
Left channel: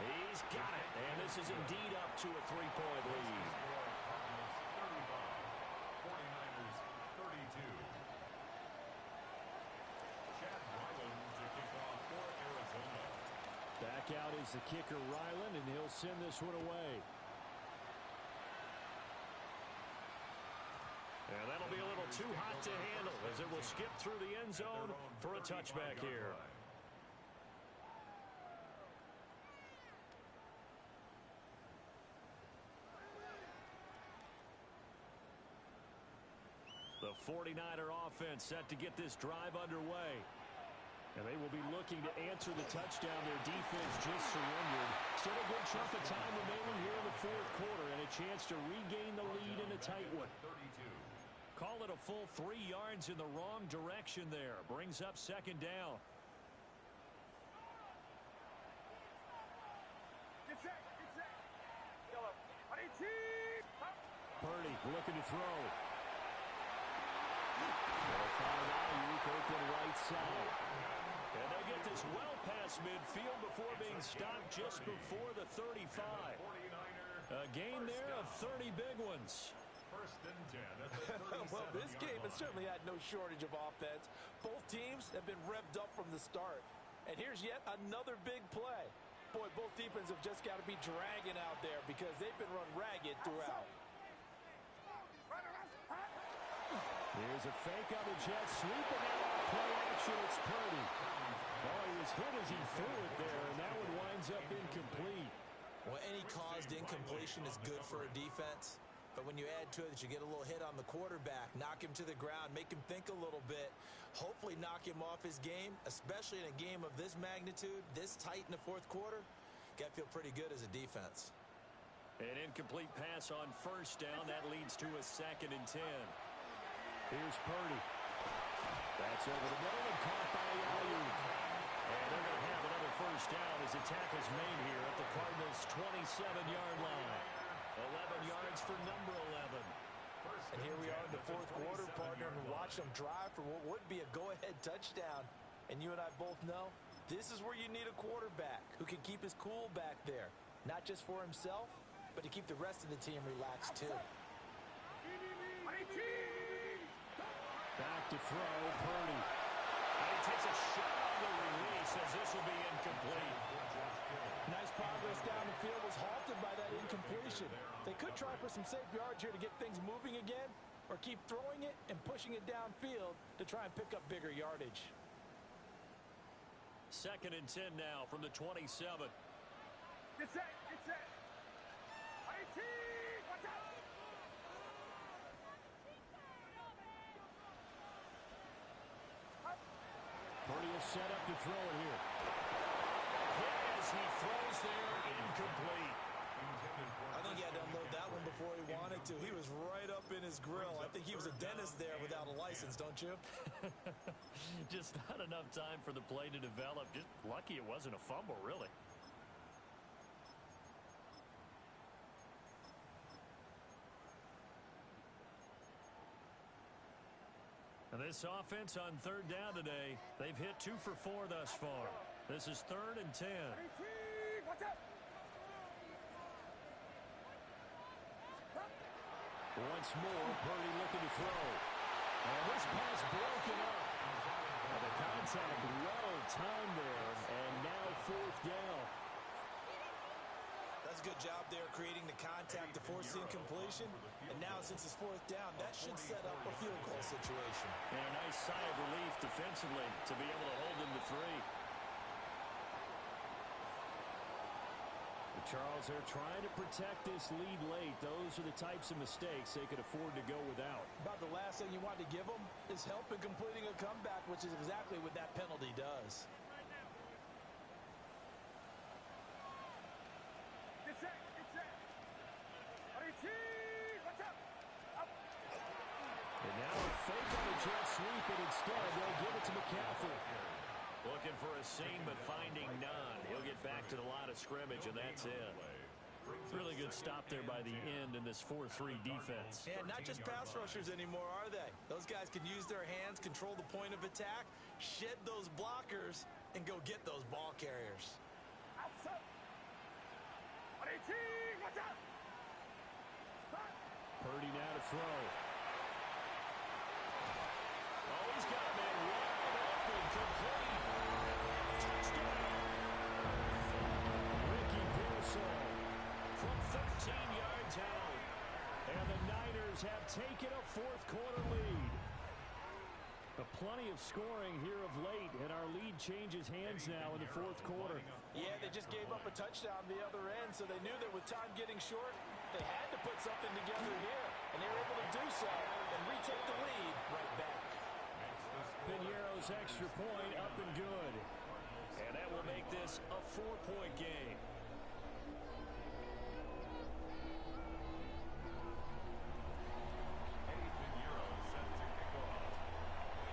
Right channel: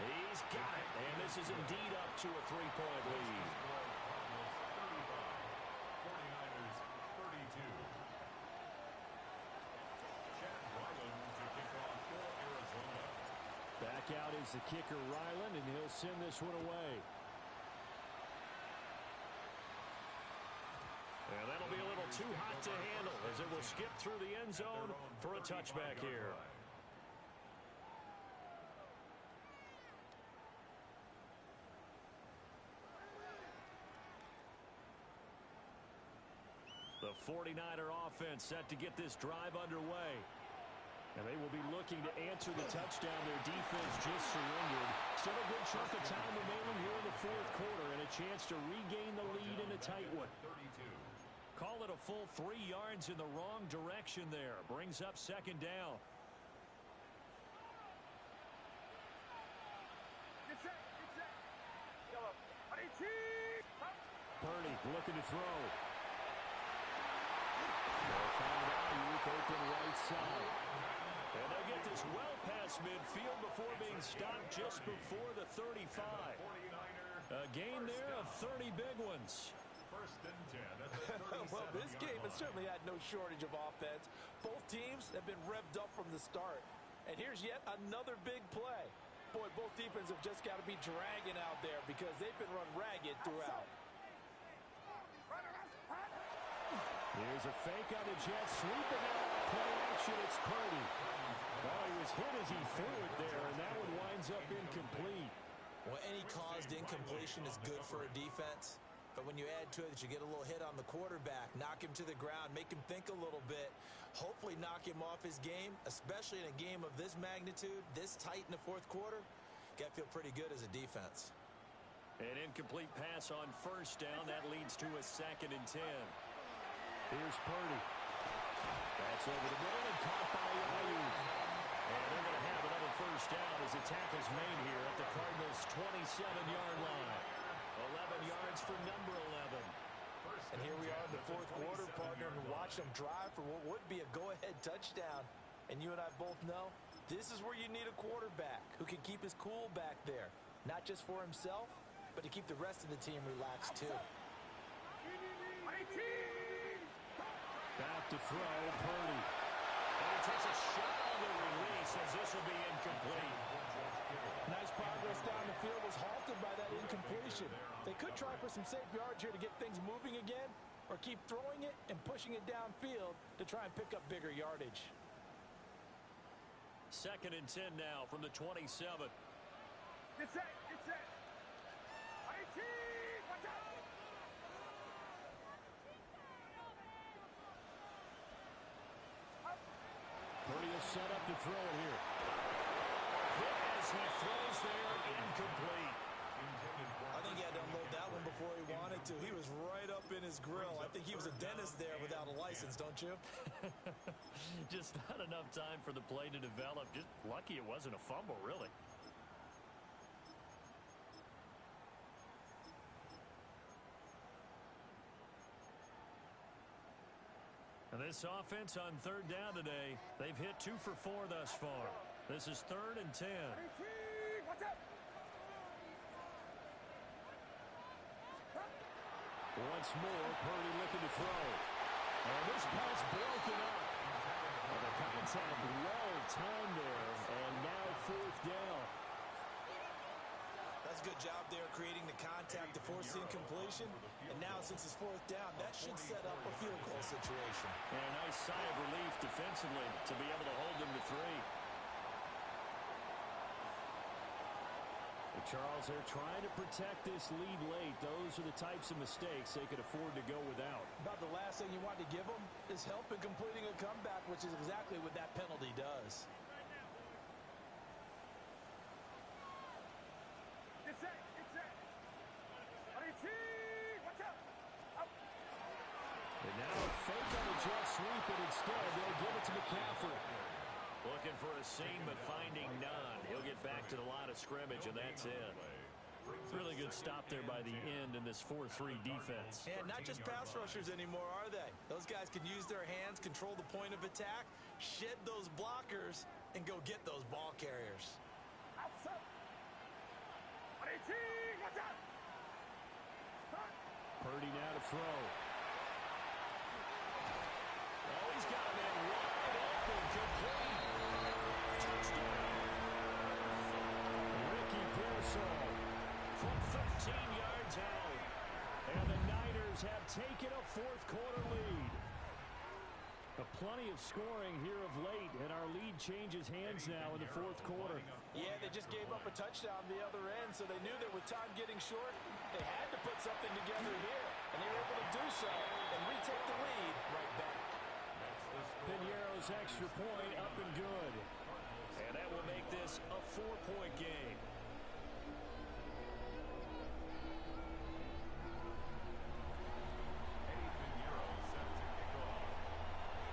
He's got it, and this is indeed up to a 3-point lead. 35, 49ers 32. Chad Ryland to kick off for Arizona. Back out is the kicker Ryland, and he'll send this one away. And that'll be a little too hot to handle as it will skip through the end zone for a touchback here. The 49er offense set to get this drive underway. And they will be looking to answer the touchdown their defense just surrendered. Still a good chunk of time remaining here in the 4th quarter and a chance to regain the lead in a tight one. Call it a full 3 yards in the wrong direction there. Brings up 2nd down. Purdy looking to throw. They'll find Ayuk open right side. And they'll get this well past midfield before being stopped just before the 35. A gain there of 30 big ones. 1st and 10 at the 37. Well, this game has certainly had no shortage of offense. Both teams have been revved up from the start. And here's yet another big play. Boy, both defenses have just got to be dragging out there because they've been run ragged throughout. Here's a fake on the Jets. Sweeping out on play action. It's Purdy. Oh, he was hit as he threw it there, and that one winds up incomplete. Well, any caused incompletion is good for a defense. But when you add to it that you get a little hit on the quarterback, knock him to the ground, make him think a little bit, hopefully knock him off his game, especially in a game of this magnitude, this tight in the 4th quarter, Got to feel pretty good as a defense. An incomplete pass on first down. That leads to a 2nd and 10. Here's Purdy. That's over the middle and caught by Ayuk. And they're going to have another first down as the tackle's made here at the Cardinals' 27-yard line. 11 yards for number 11. And here we are in the 4th quarter, partner, and watch them drive for what would be a go-ahead touchdown. And you and I both know this is where you need a quarterback who can keep his cool back there. Not just for himself, but to keep the rest of the team relaxed too. Back to throw, Purdy. And he takes a shot on the release as this will be incomplete. Nice progress down the field was halted by that incompletion. They could try for some safe yards here to get things moving again, or keep throwing it and pushing it downfield to try and pick up bigger yardage. 2nd and 10 now from the 27. Get set, get set. IT, watch out. Purdy will set up to throw it here. Hit as he throws there, incomplete. I think he had to unload that one before he wanted to. He was right up in his grill. I think he was a dentist there without a license, don't you? Just not enough time for the play to develop. Just lucky it wasn't a fumble, really. And this offense on 3rd down today, they've hit 2 for 4 thus far. This is 3rd and 10. Watch out. Once more, Purdy looking to throw. And this pass broken up. Well, the contact well timed there, and now 4th down. That's a good job there creating the contact to force the incompletion. And now since it's 4th down, that should set up a field goal situation. And a nice sigh of relief defensively to be able to hold them to 3. But Charles, they're trying to protect this lead late. Those are the types of mistakes they could afford to go without. About the last thing you want to give them is help in completing a comeback, which is exactly what that penalty does. Get set, get set. IT, watch out. Up. And now a fake on the jet sweep, and instead they'll give it to McCaffrey. Looking for a seam, but finding none. He'll get back to the line of scrimmage, and that's it. Really good stop there by the end in this 4-3 defense. And not just pass rushers anymore, are they? Those guys can use their hands, control the point of attack, shed those blockers, and go get those ball carriers. Outside. IT, watch out. Purdy now to throw. Oh, he's got a man wide open, complete. Touchdown. Ricky Pearsall from 13 yards out. And the Niners have taken a 4th quarter lead. Plenty of scoring here of late, and our lead changes hands now in the 4th quarter. Yeah, they just gave up a touchdown the other end, so they knew that with time getting short, they had to put something together here, and they were able to do so and retake the lead right back. Piñeiro's extra point up and good. And that will make this a 4-point game.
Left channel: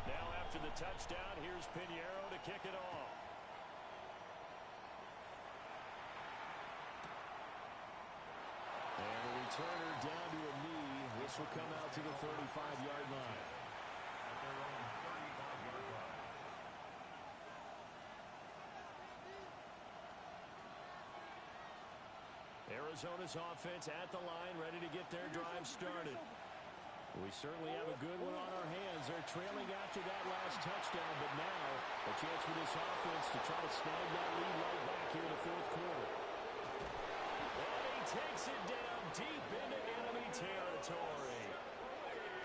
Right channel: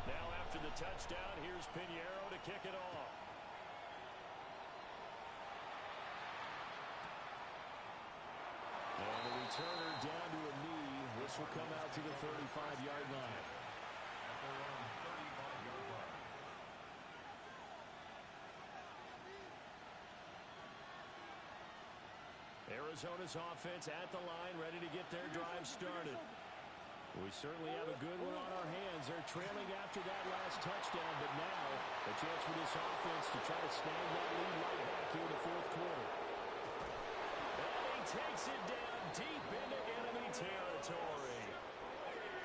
Now after the touchdown, here's Piñeiro to kick it off. And the returner down to a knee. This will come out to the 35-yard line. At their own 35-yard line. Arizona's offense at the line, ready to get their drive started. We certainly have a good one on our hands. They're trailing after that last touchdown, but now a chance for this offense to try to snag that lead right back here in the 4th quarter. And he takes it down deep into enemy territory.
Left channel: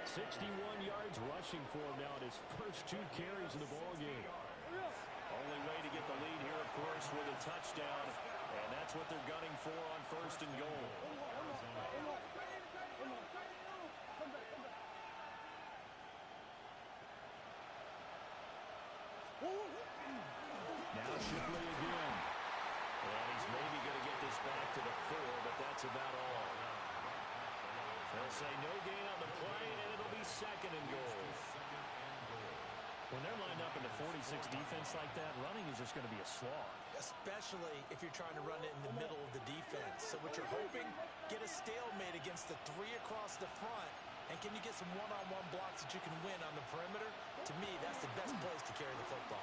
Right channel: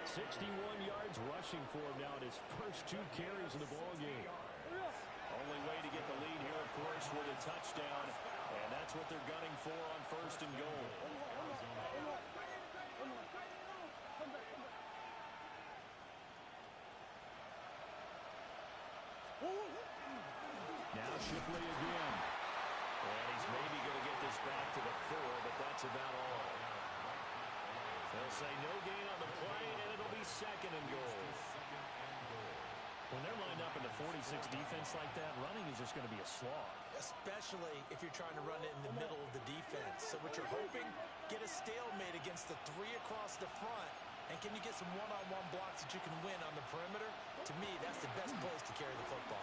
61 yards rushing for him now in his first 2 carries of the ballgame. Only way to get the lead here, of course, with a touchdown, and that's what they're gunning for on 1st and goal. Now Shipley again. And he's maybe going to to the 4, but that's about all. They'll say no gain on the play, and it'll be 2nd and goal. When they're lined up in the 46 defense like that, running is just going to be a slog. Especially if you're trying to run it in the middle of the defense. So what you're hoping, get a stalemate against the 3 across the front, and can you get some one-on-one blocks that you can win on the perimeter? To me, that's the best place to carry the football.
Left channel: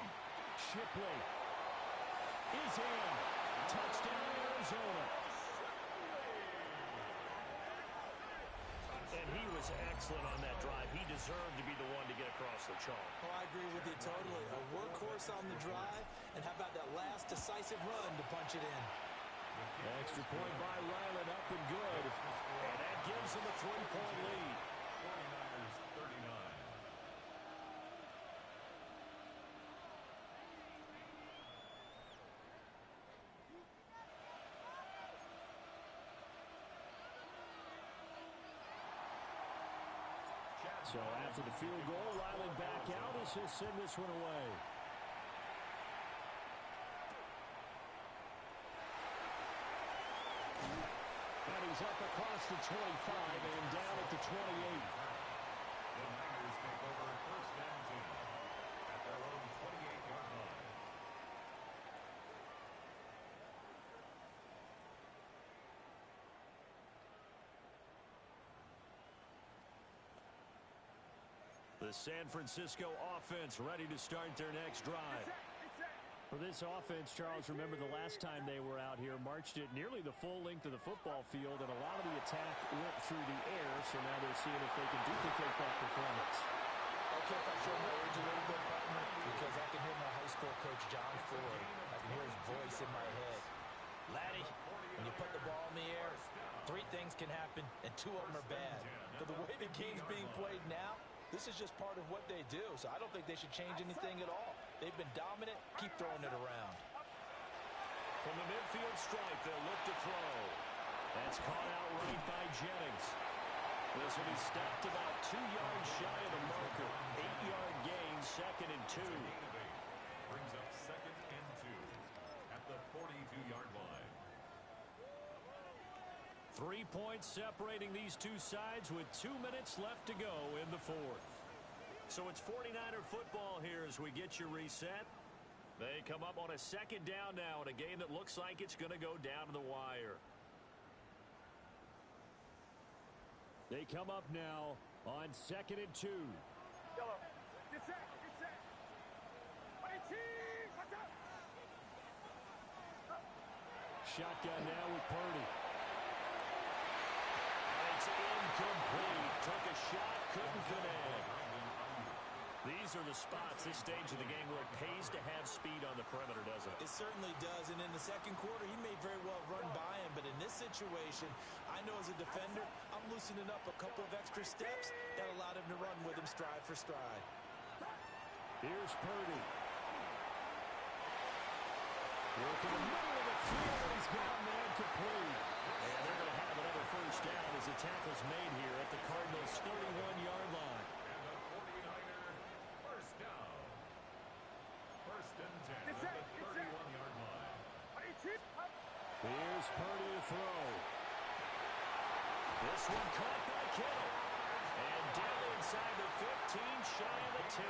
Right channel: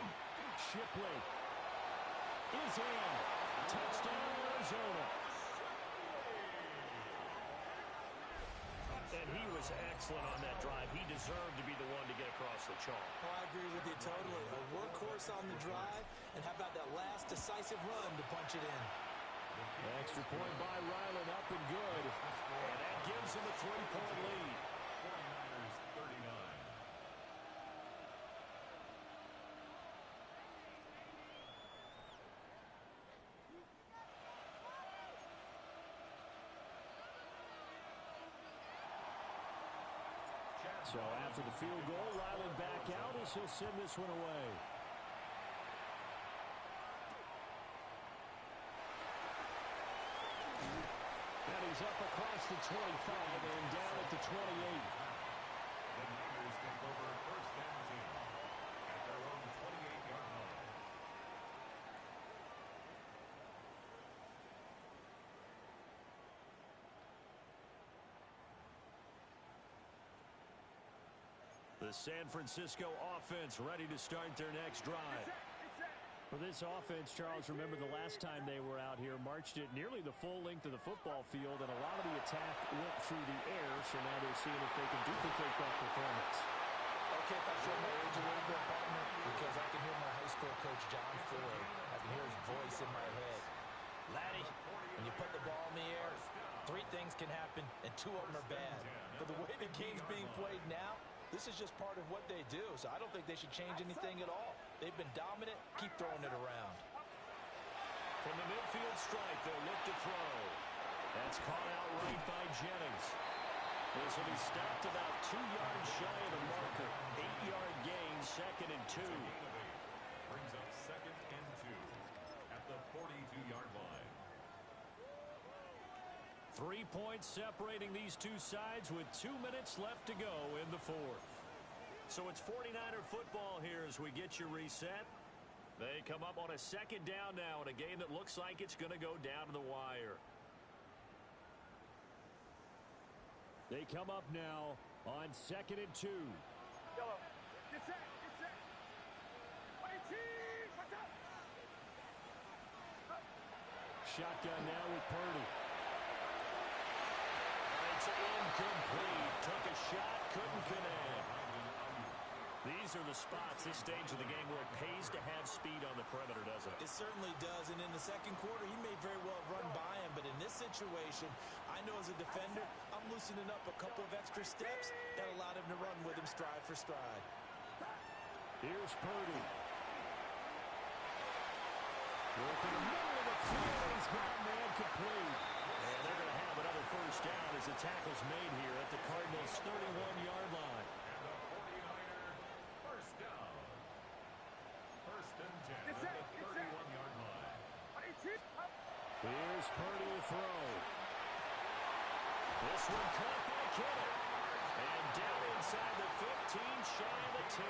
Shipley is in. Touchdown, Arizona. And he was excellent on that drive. He deserved to be the one to get across the chalk. Oh, I agree with you totally. A workhorse on the drive, and how about that last decisive run to punch it in? Extra point by Ryland, up and good. And that gives him a 3-point lead. 49ers 39. So after the field goal, Ryland back out as he'll send this one away. And he's up across the 25 and down at the 28. The Niners take over 1st and 10 at their own 28-yard line. The San Francisco offense ready to start their next drive. For this offense, Charles, remember the last time they were out here, marched it nearly the full length of the football field, and a lot of the attack went through the air, so now they're seeing if they can duplicate that performance. Okay, if I show my age a little bit, partner, because I can hear my high school coach, John Ford. I can hear his voice in my head. Laddie, when you put the ball in the air, 3 things can happen, and 2 of them are bad. For the way the game's being played now, this is just part of what they do, so I don't think they should change anything at all. They've been dominant. Keep throwing it around. From the midfield stripe, they'll look to throw. That's caught out right by Jennings. This will be stopped about 2 yards shy of the marker. 8-yard gain, 2nd and 2. Brings up 2nd and 2 at the 42-yard line. 3 points separating these two sides with 2 minutes left to go in the 4th. So it's 49er football here as we get your reset. They come up on a 2nd down now in a game that looks like it's going to go down to the wire. They come up now on 2nd and 2. Yellow. Get set. Get set. 22. Watch out. Shotgun now with Purdy. It's incomplete. Took a shot, couldn't connect. These are the spots, this stage of the game, where it pays to have speed on the perimeter, doesn't it? It certainly does, and in the 2nd quarter, he may very well run by him, but in this situation, I know as a defender, I'm loosening up a couple of extra steps that allowed him to run with him stride for stride. Here's Purdy. Work in the middle of the field, and he's got a man complete. And they're going to have another 1st down as the tackle's made here at the Cardinals' 31-yard line. And the 49er 1st down. 1st and 10 at the 31-yard line. Here's Purdy to throw. This one caught by Kittle. And down inside the 15, shy of the 10.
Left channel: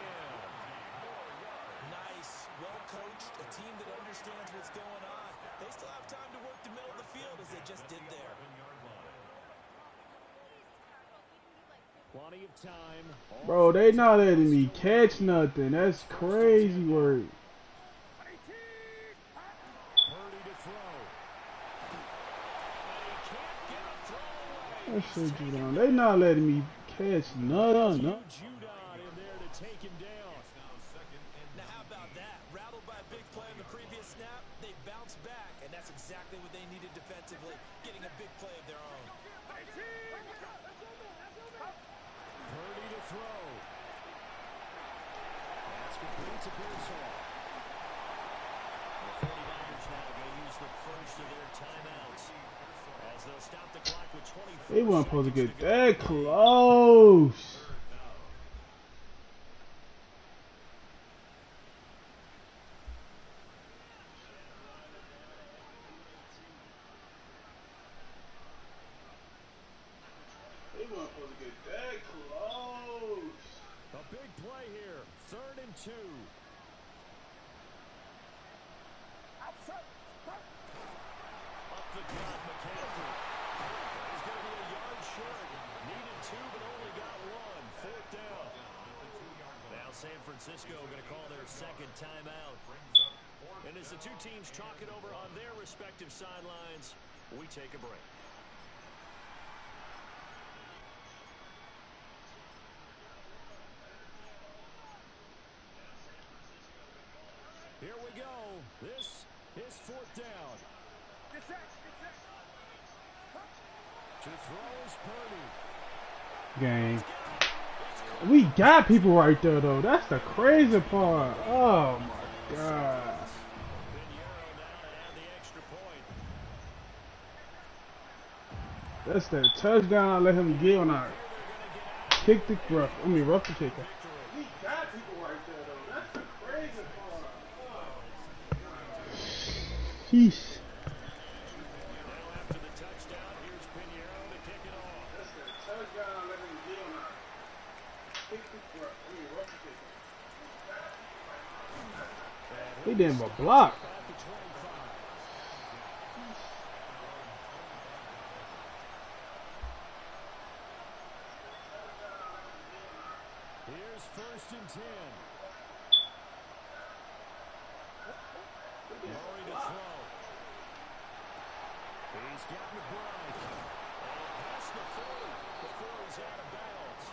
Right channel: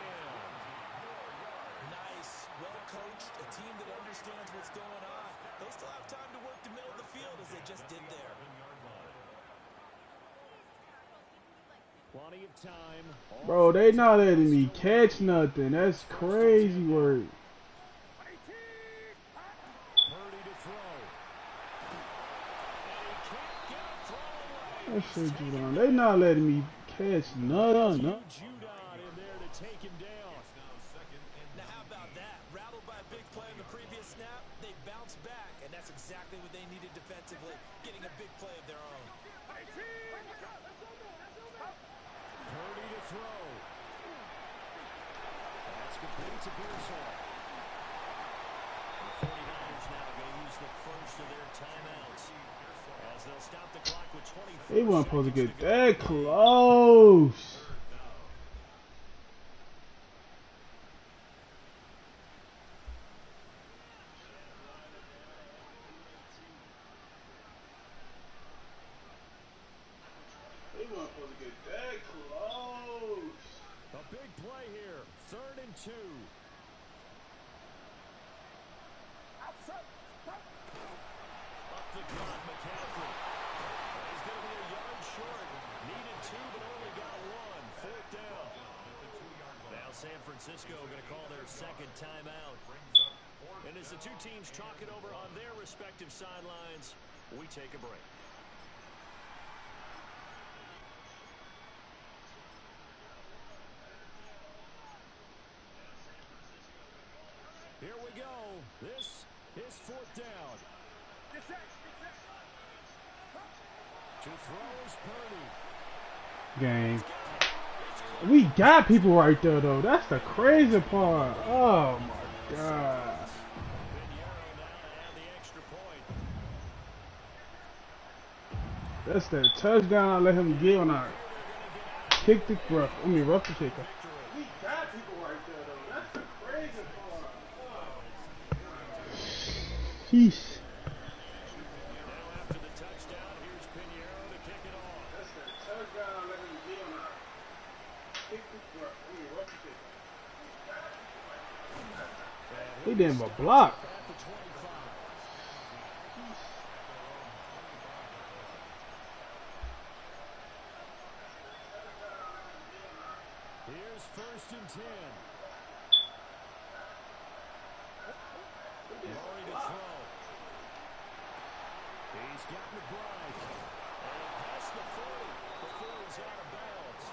Nice, well-coached, a team that understands what's going on. They still have time to work the middle of the field as they just did there. Plenty of time. Bro, they not letting me catch nothing. That's crazy work. Purdy to throw. And he can't get a throw away. That shit you down. They not letting me catch nothing. Judon in there to take him down. Now how about that? Rattled by a big play on the previous snap, they bounce back, and that's exactly what they needed defensively, getting a big play of their own. Purdy to throw. That's complete to Pearsall. The 49ers now going to use the first of their timeouts as they'll stop the clock with 24 They weren't supposed to seconds get to go. that close. San Francisco going to call their second timeout. And as the two teams talk it over on their respective sidelines, we take a break. Here we go. This is fourth down. Get set. To throw is Purdy. Game. We got people right there, though. That's the crazy part. Oh, my God. That's the touchdown I let him get when I kicked the rough. Rough the kicker. We got people right there, though. That's the crazy part. Oh. Sheesh. Now after the touchdown, here's Pinheiro to kick it off. That's the touchdown I let him get when I kicked the rough. Rough the kicker. He didn't but block. Here's first and 10. Murray to throw. He's got McBride. And past the 40 before he's out of bounds.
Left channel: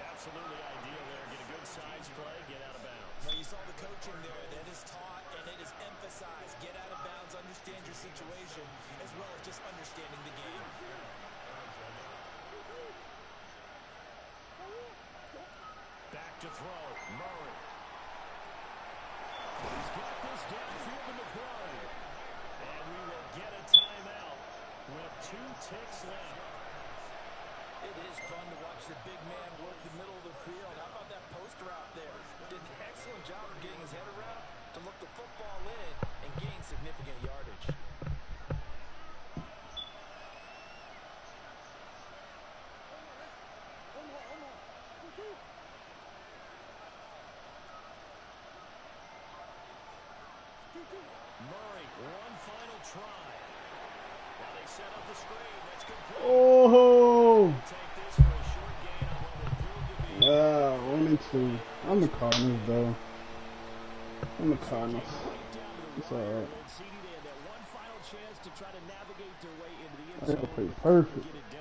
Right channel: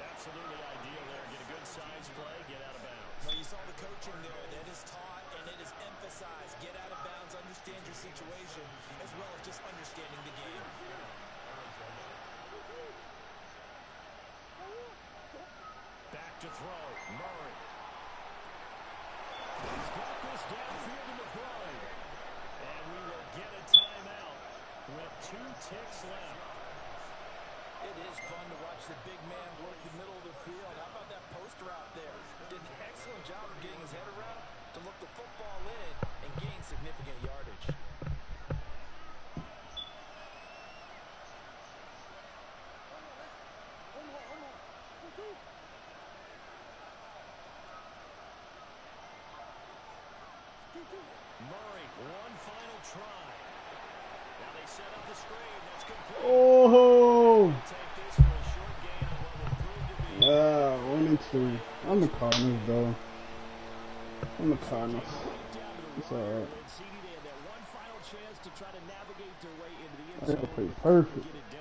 Absolutely ideal there. Get a good size play, get out of bounds. Well, you saw the coaching there. That is taught and it is emphasized. Get out of bounds, understand your situation, as well as just understanding the game. Back to throw. Murray. He's got this downfield to McBride. And we will get a timeout with 2 ticks left. It is fun to watch the big man work the middle of the field. How about that post route there? Did an excellent job of getting his head around to look the football in and gain significant yardage. Murray, one final try. Now they set up the screen. That's complete. Oh! Take this for a short gain on what will prove to be 1 and 2. I'm the Cardinals, though. I'm the Cardinals. It's alright. They had that one final chance to try to navigate their way into the end I gotta zone. play perfect. Get it done.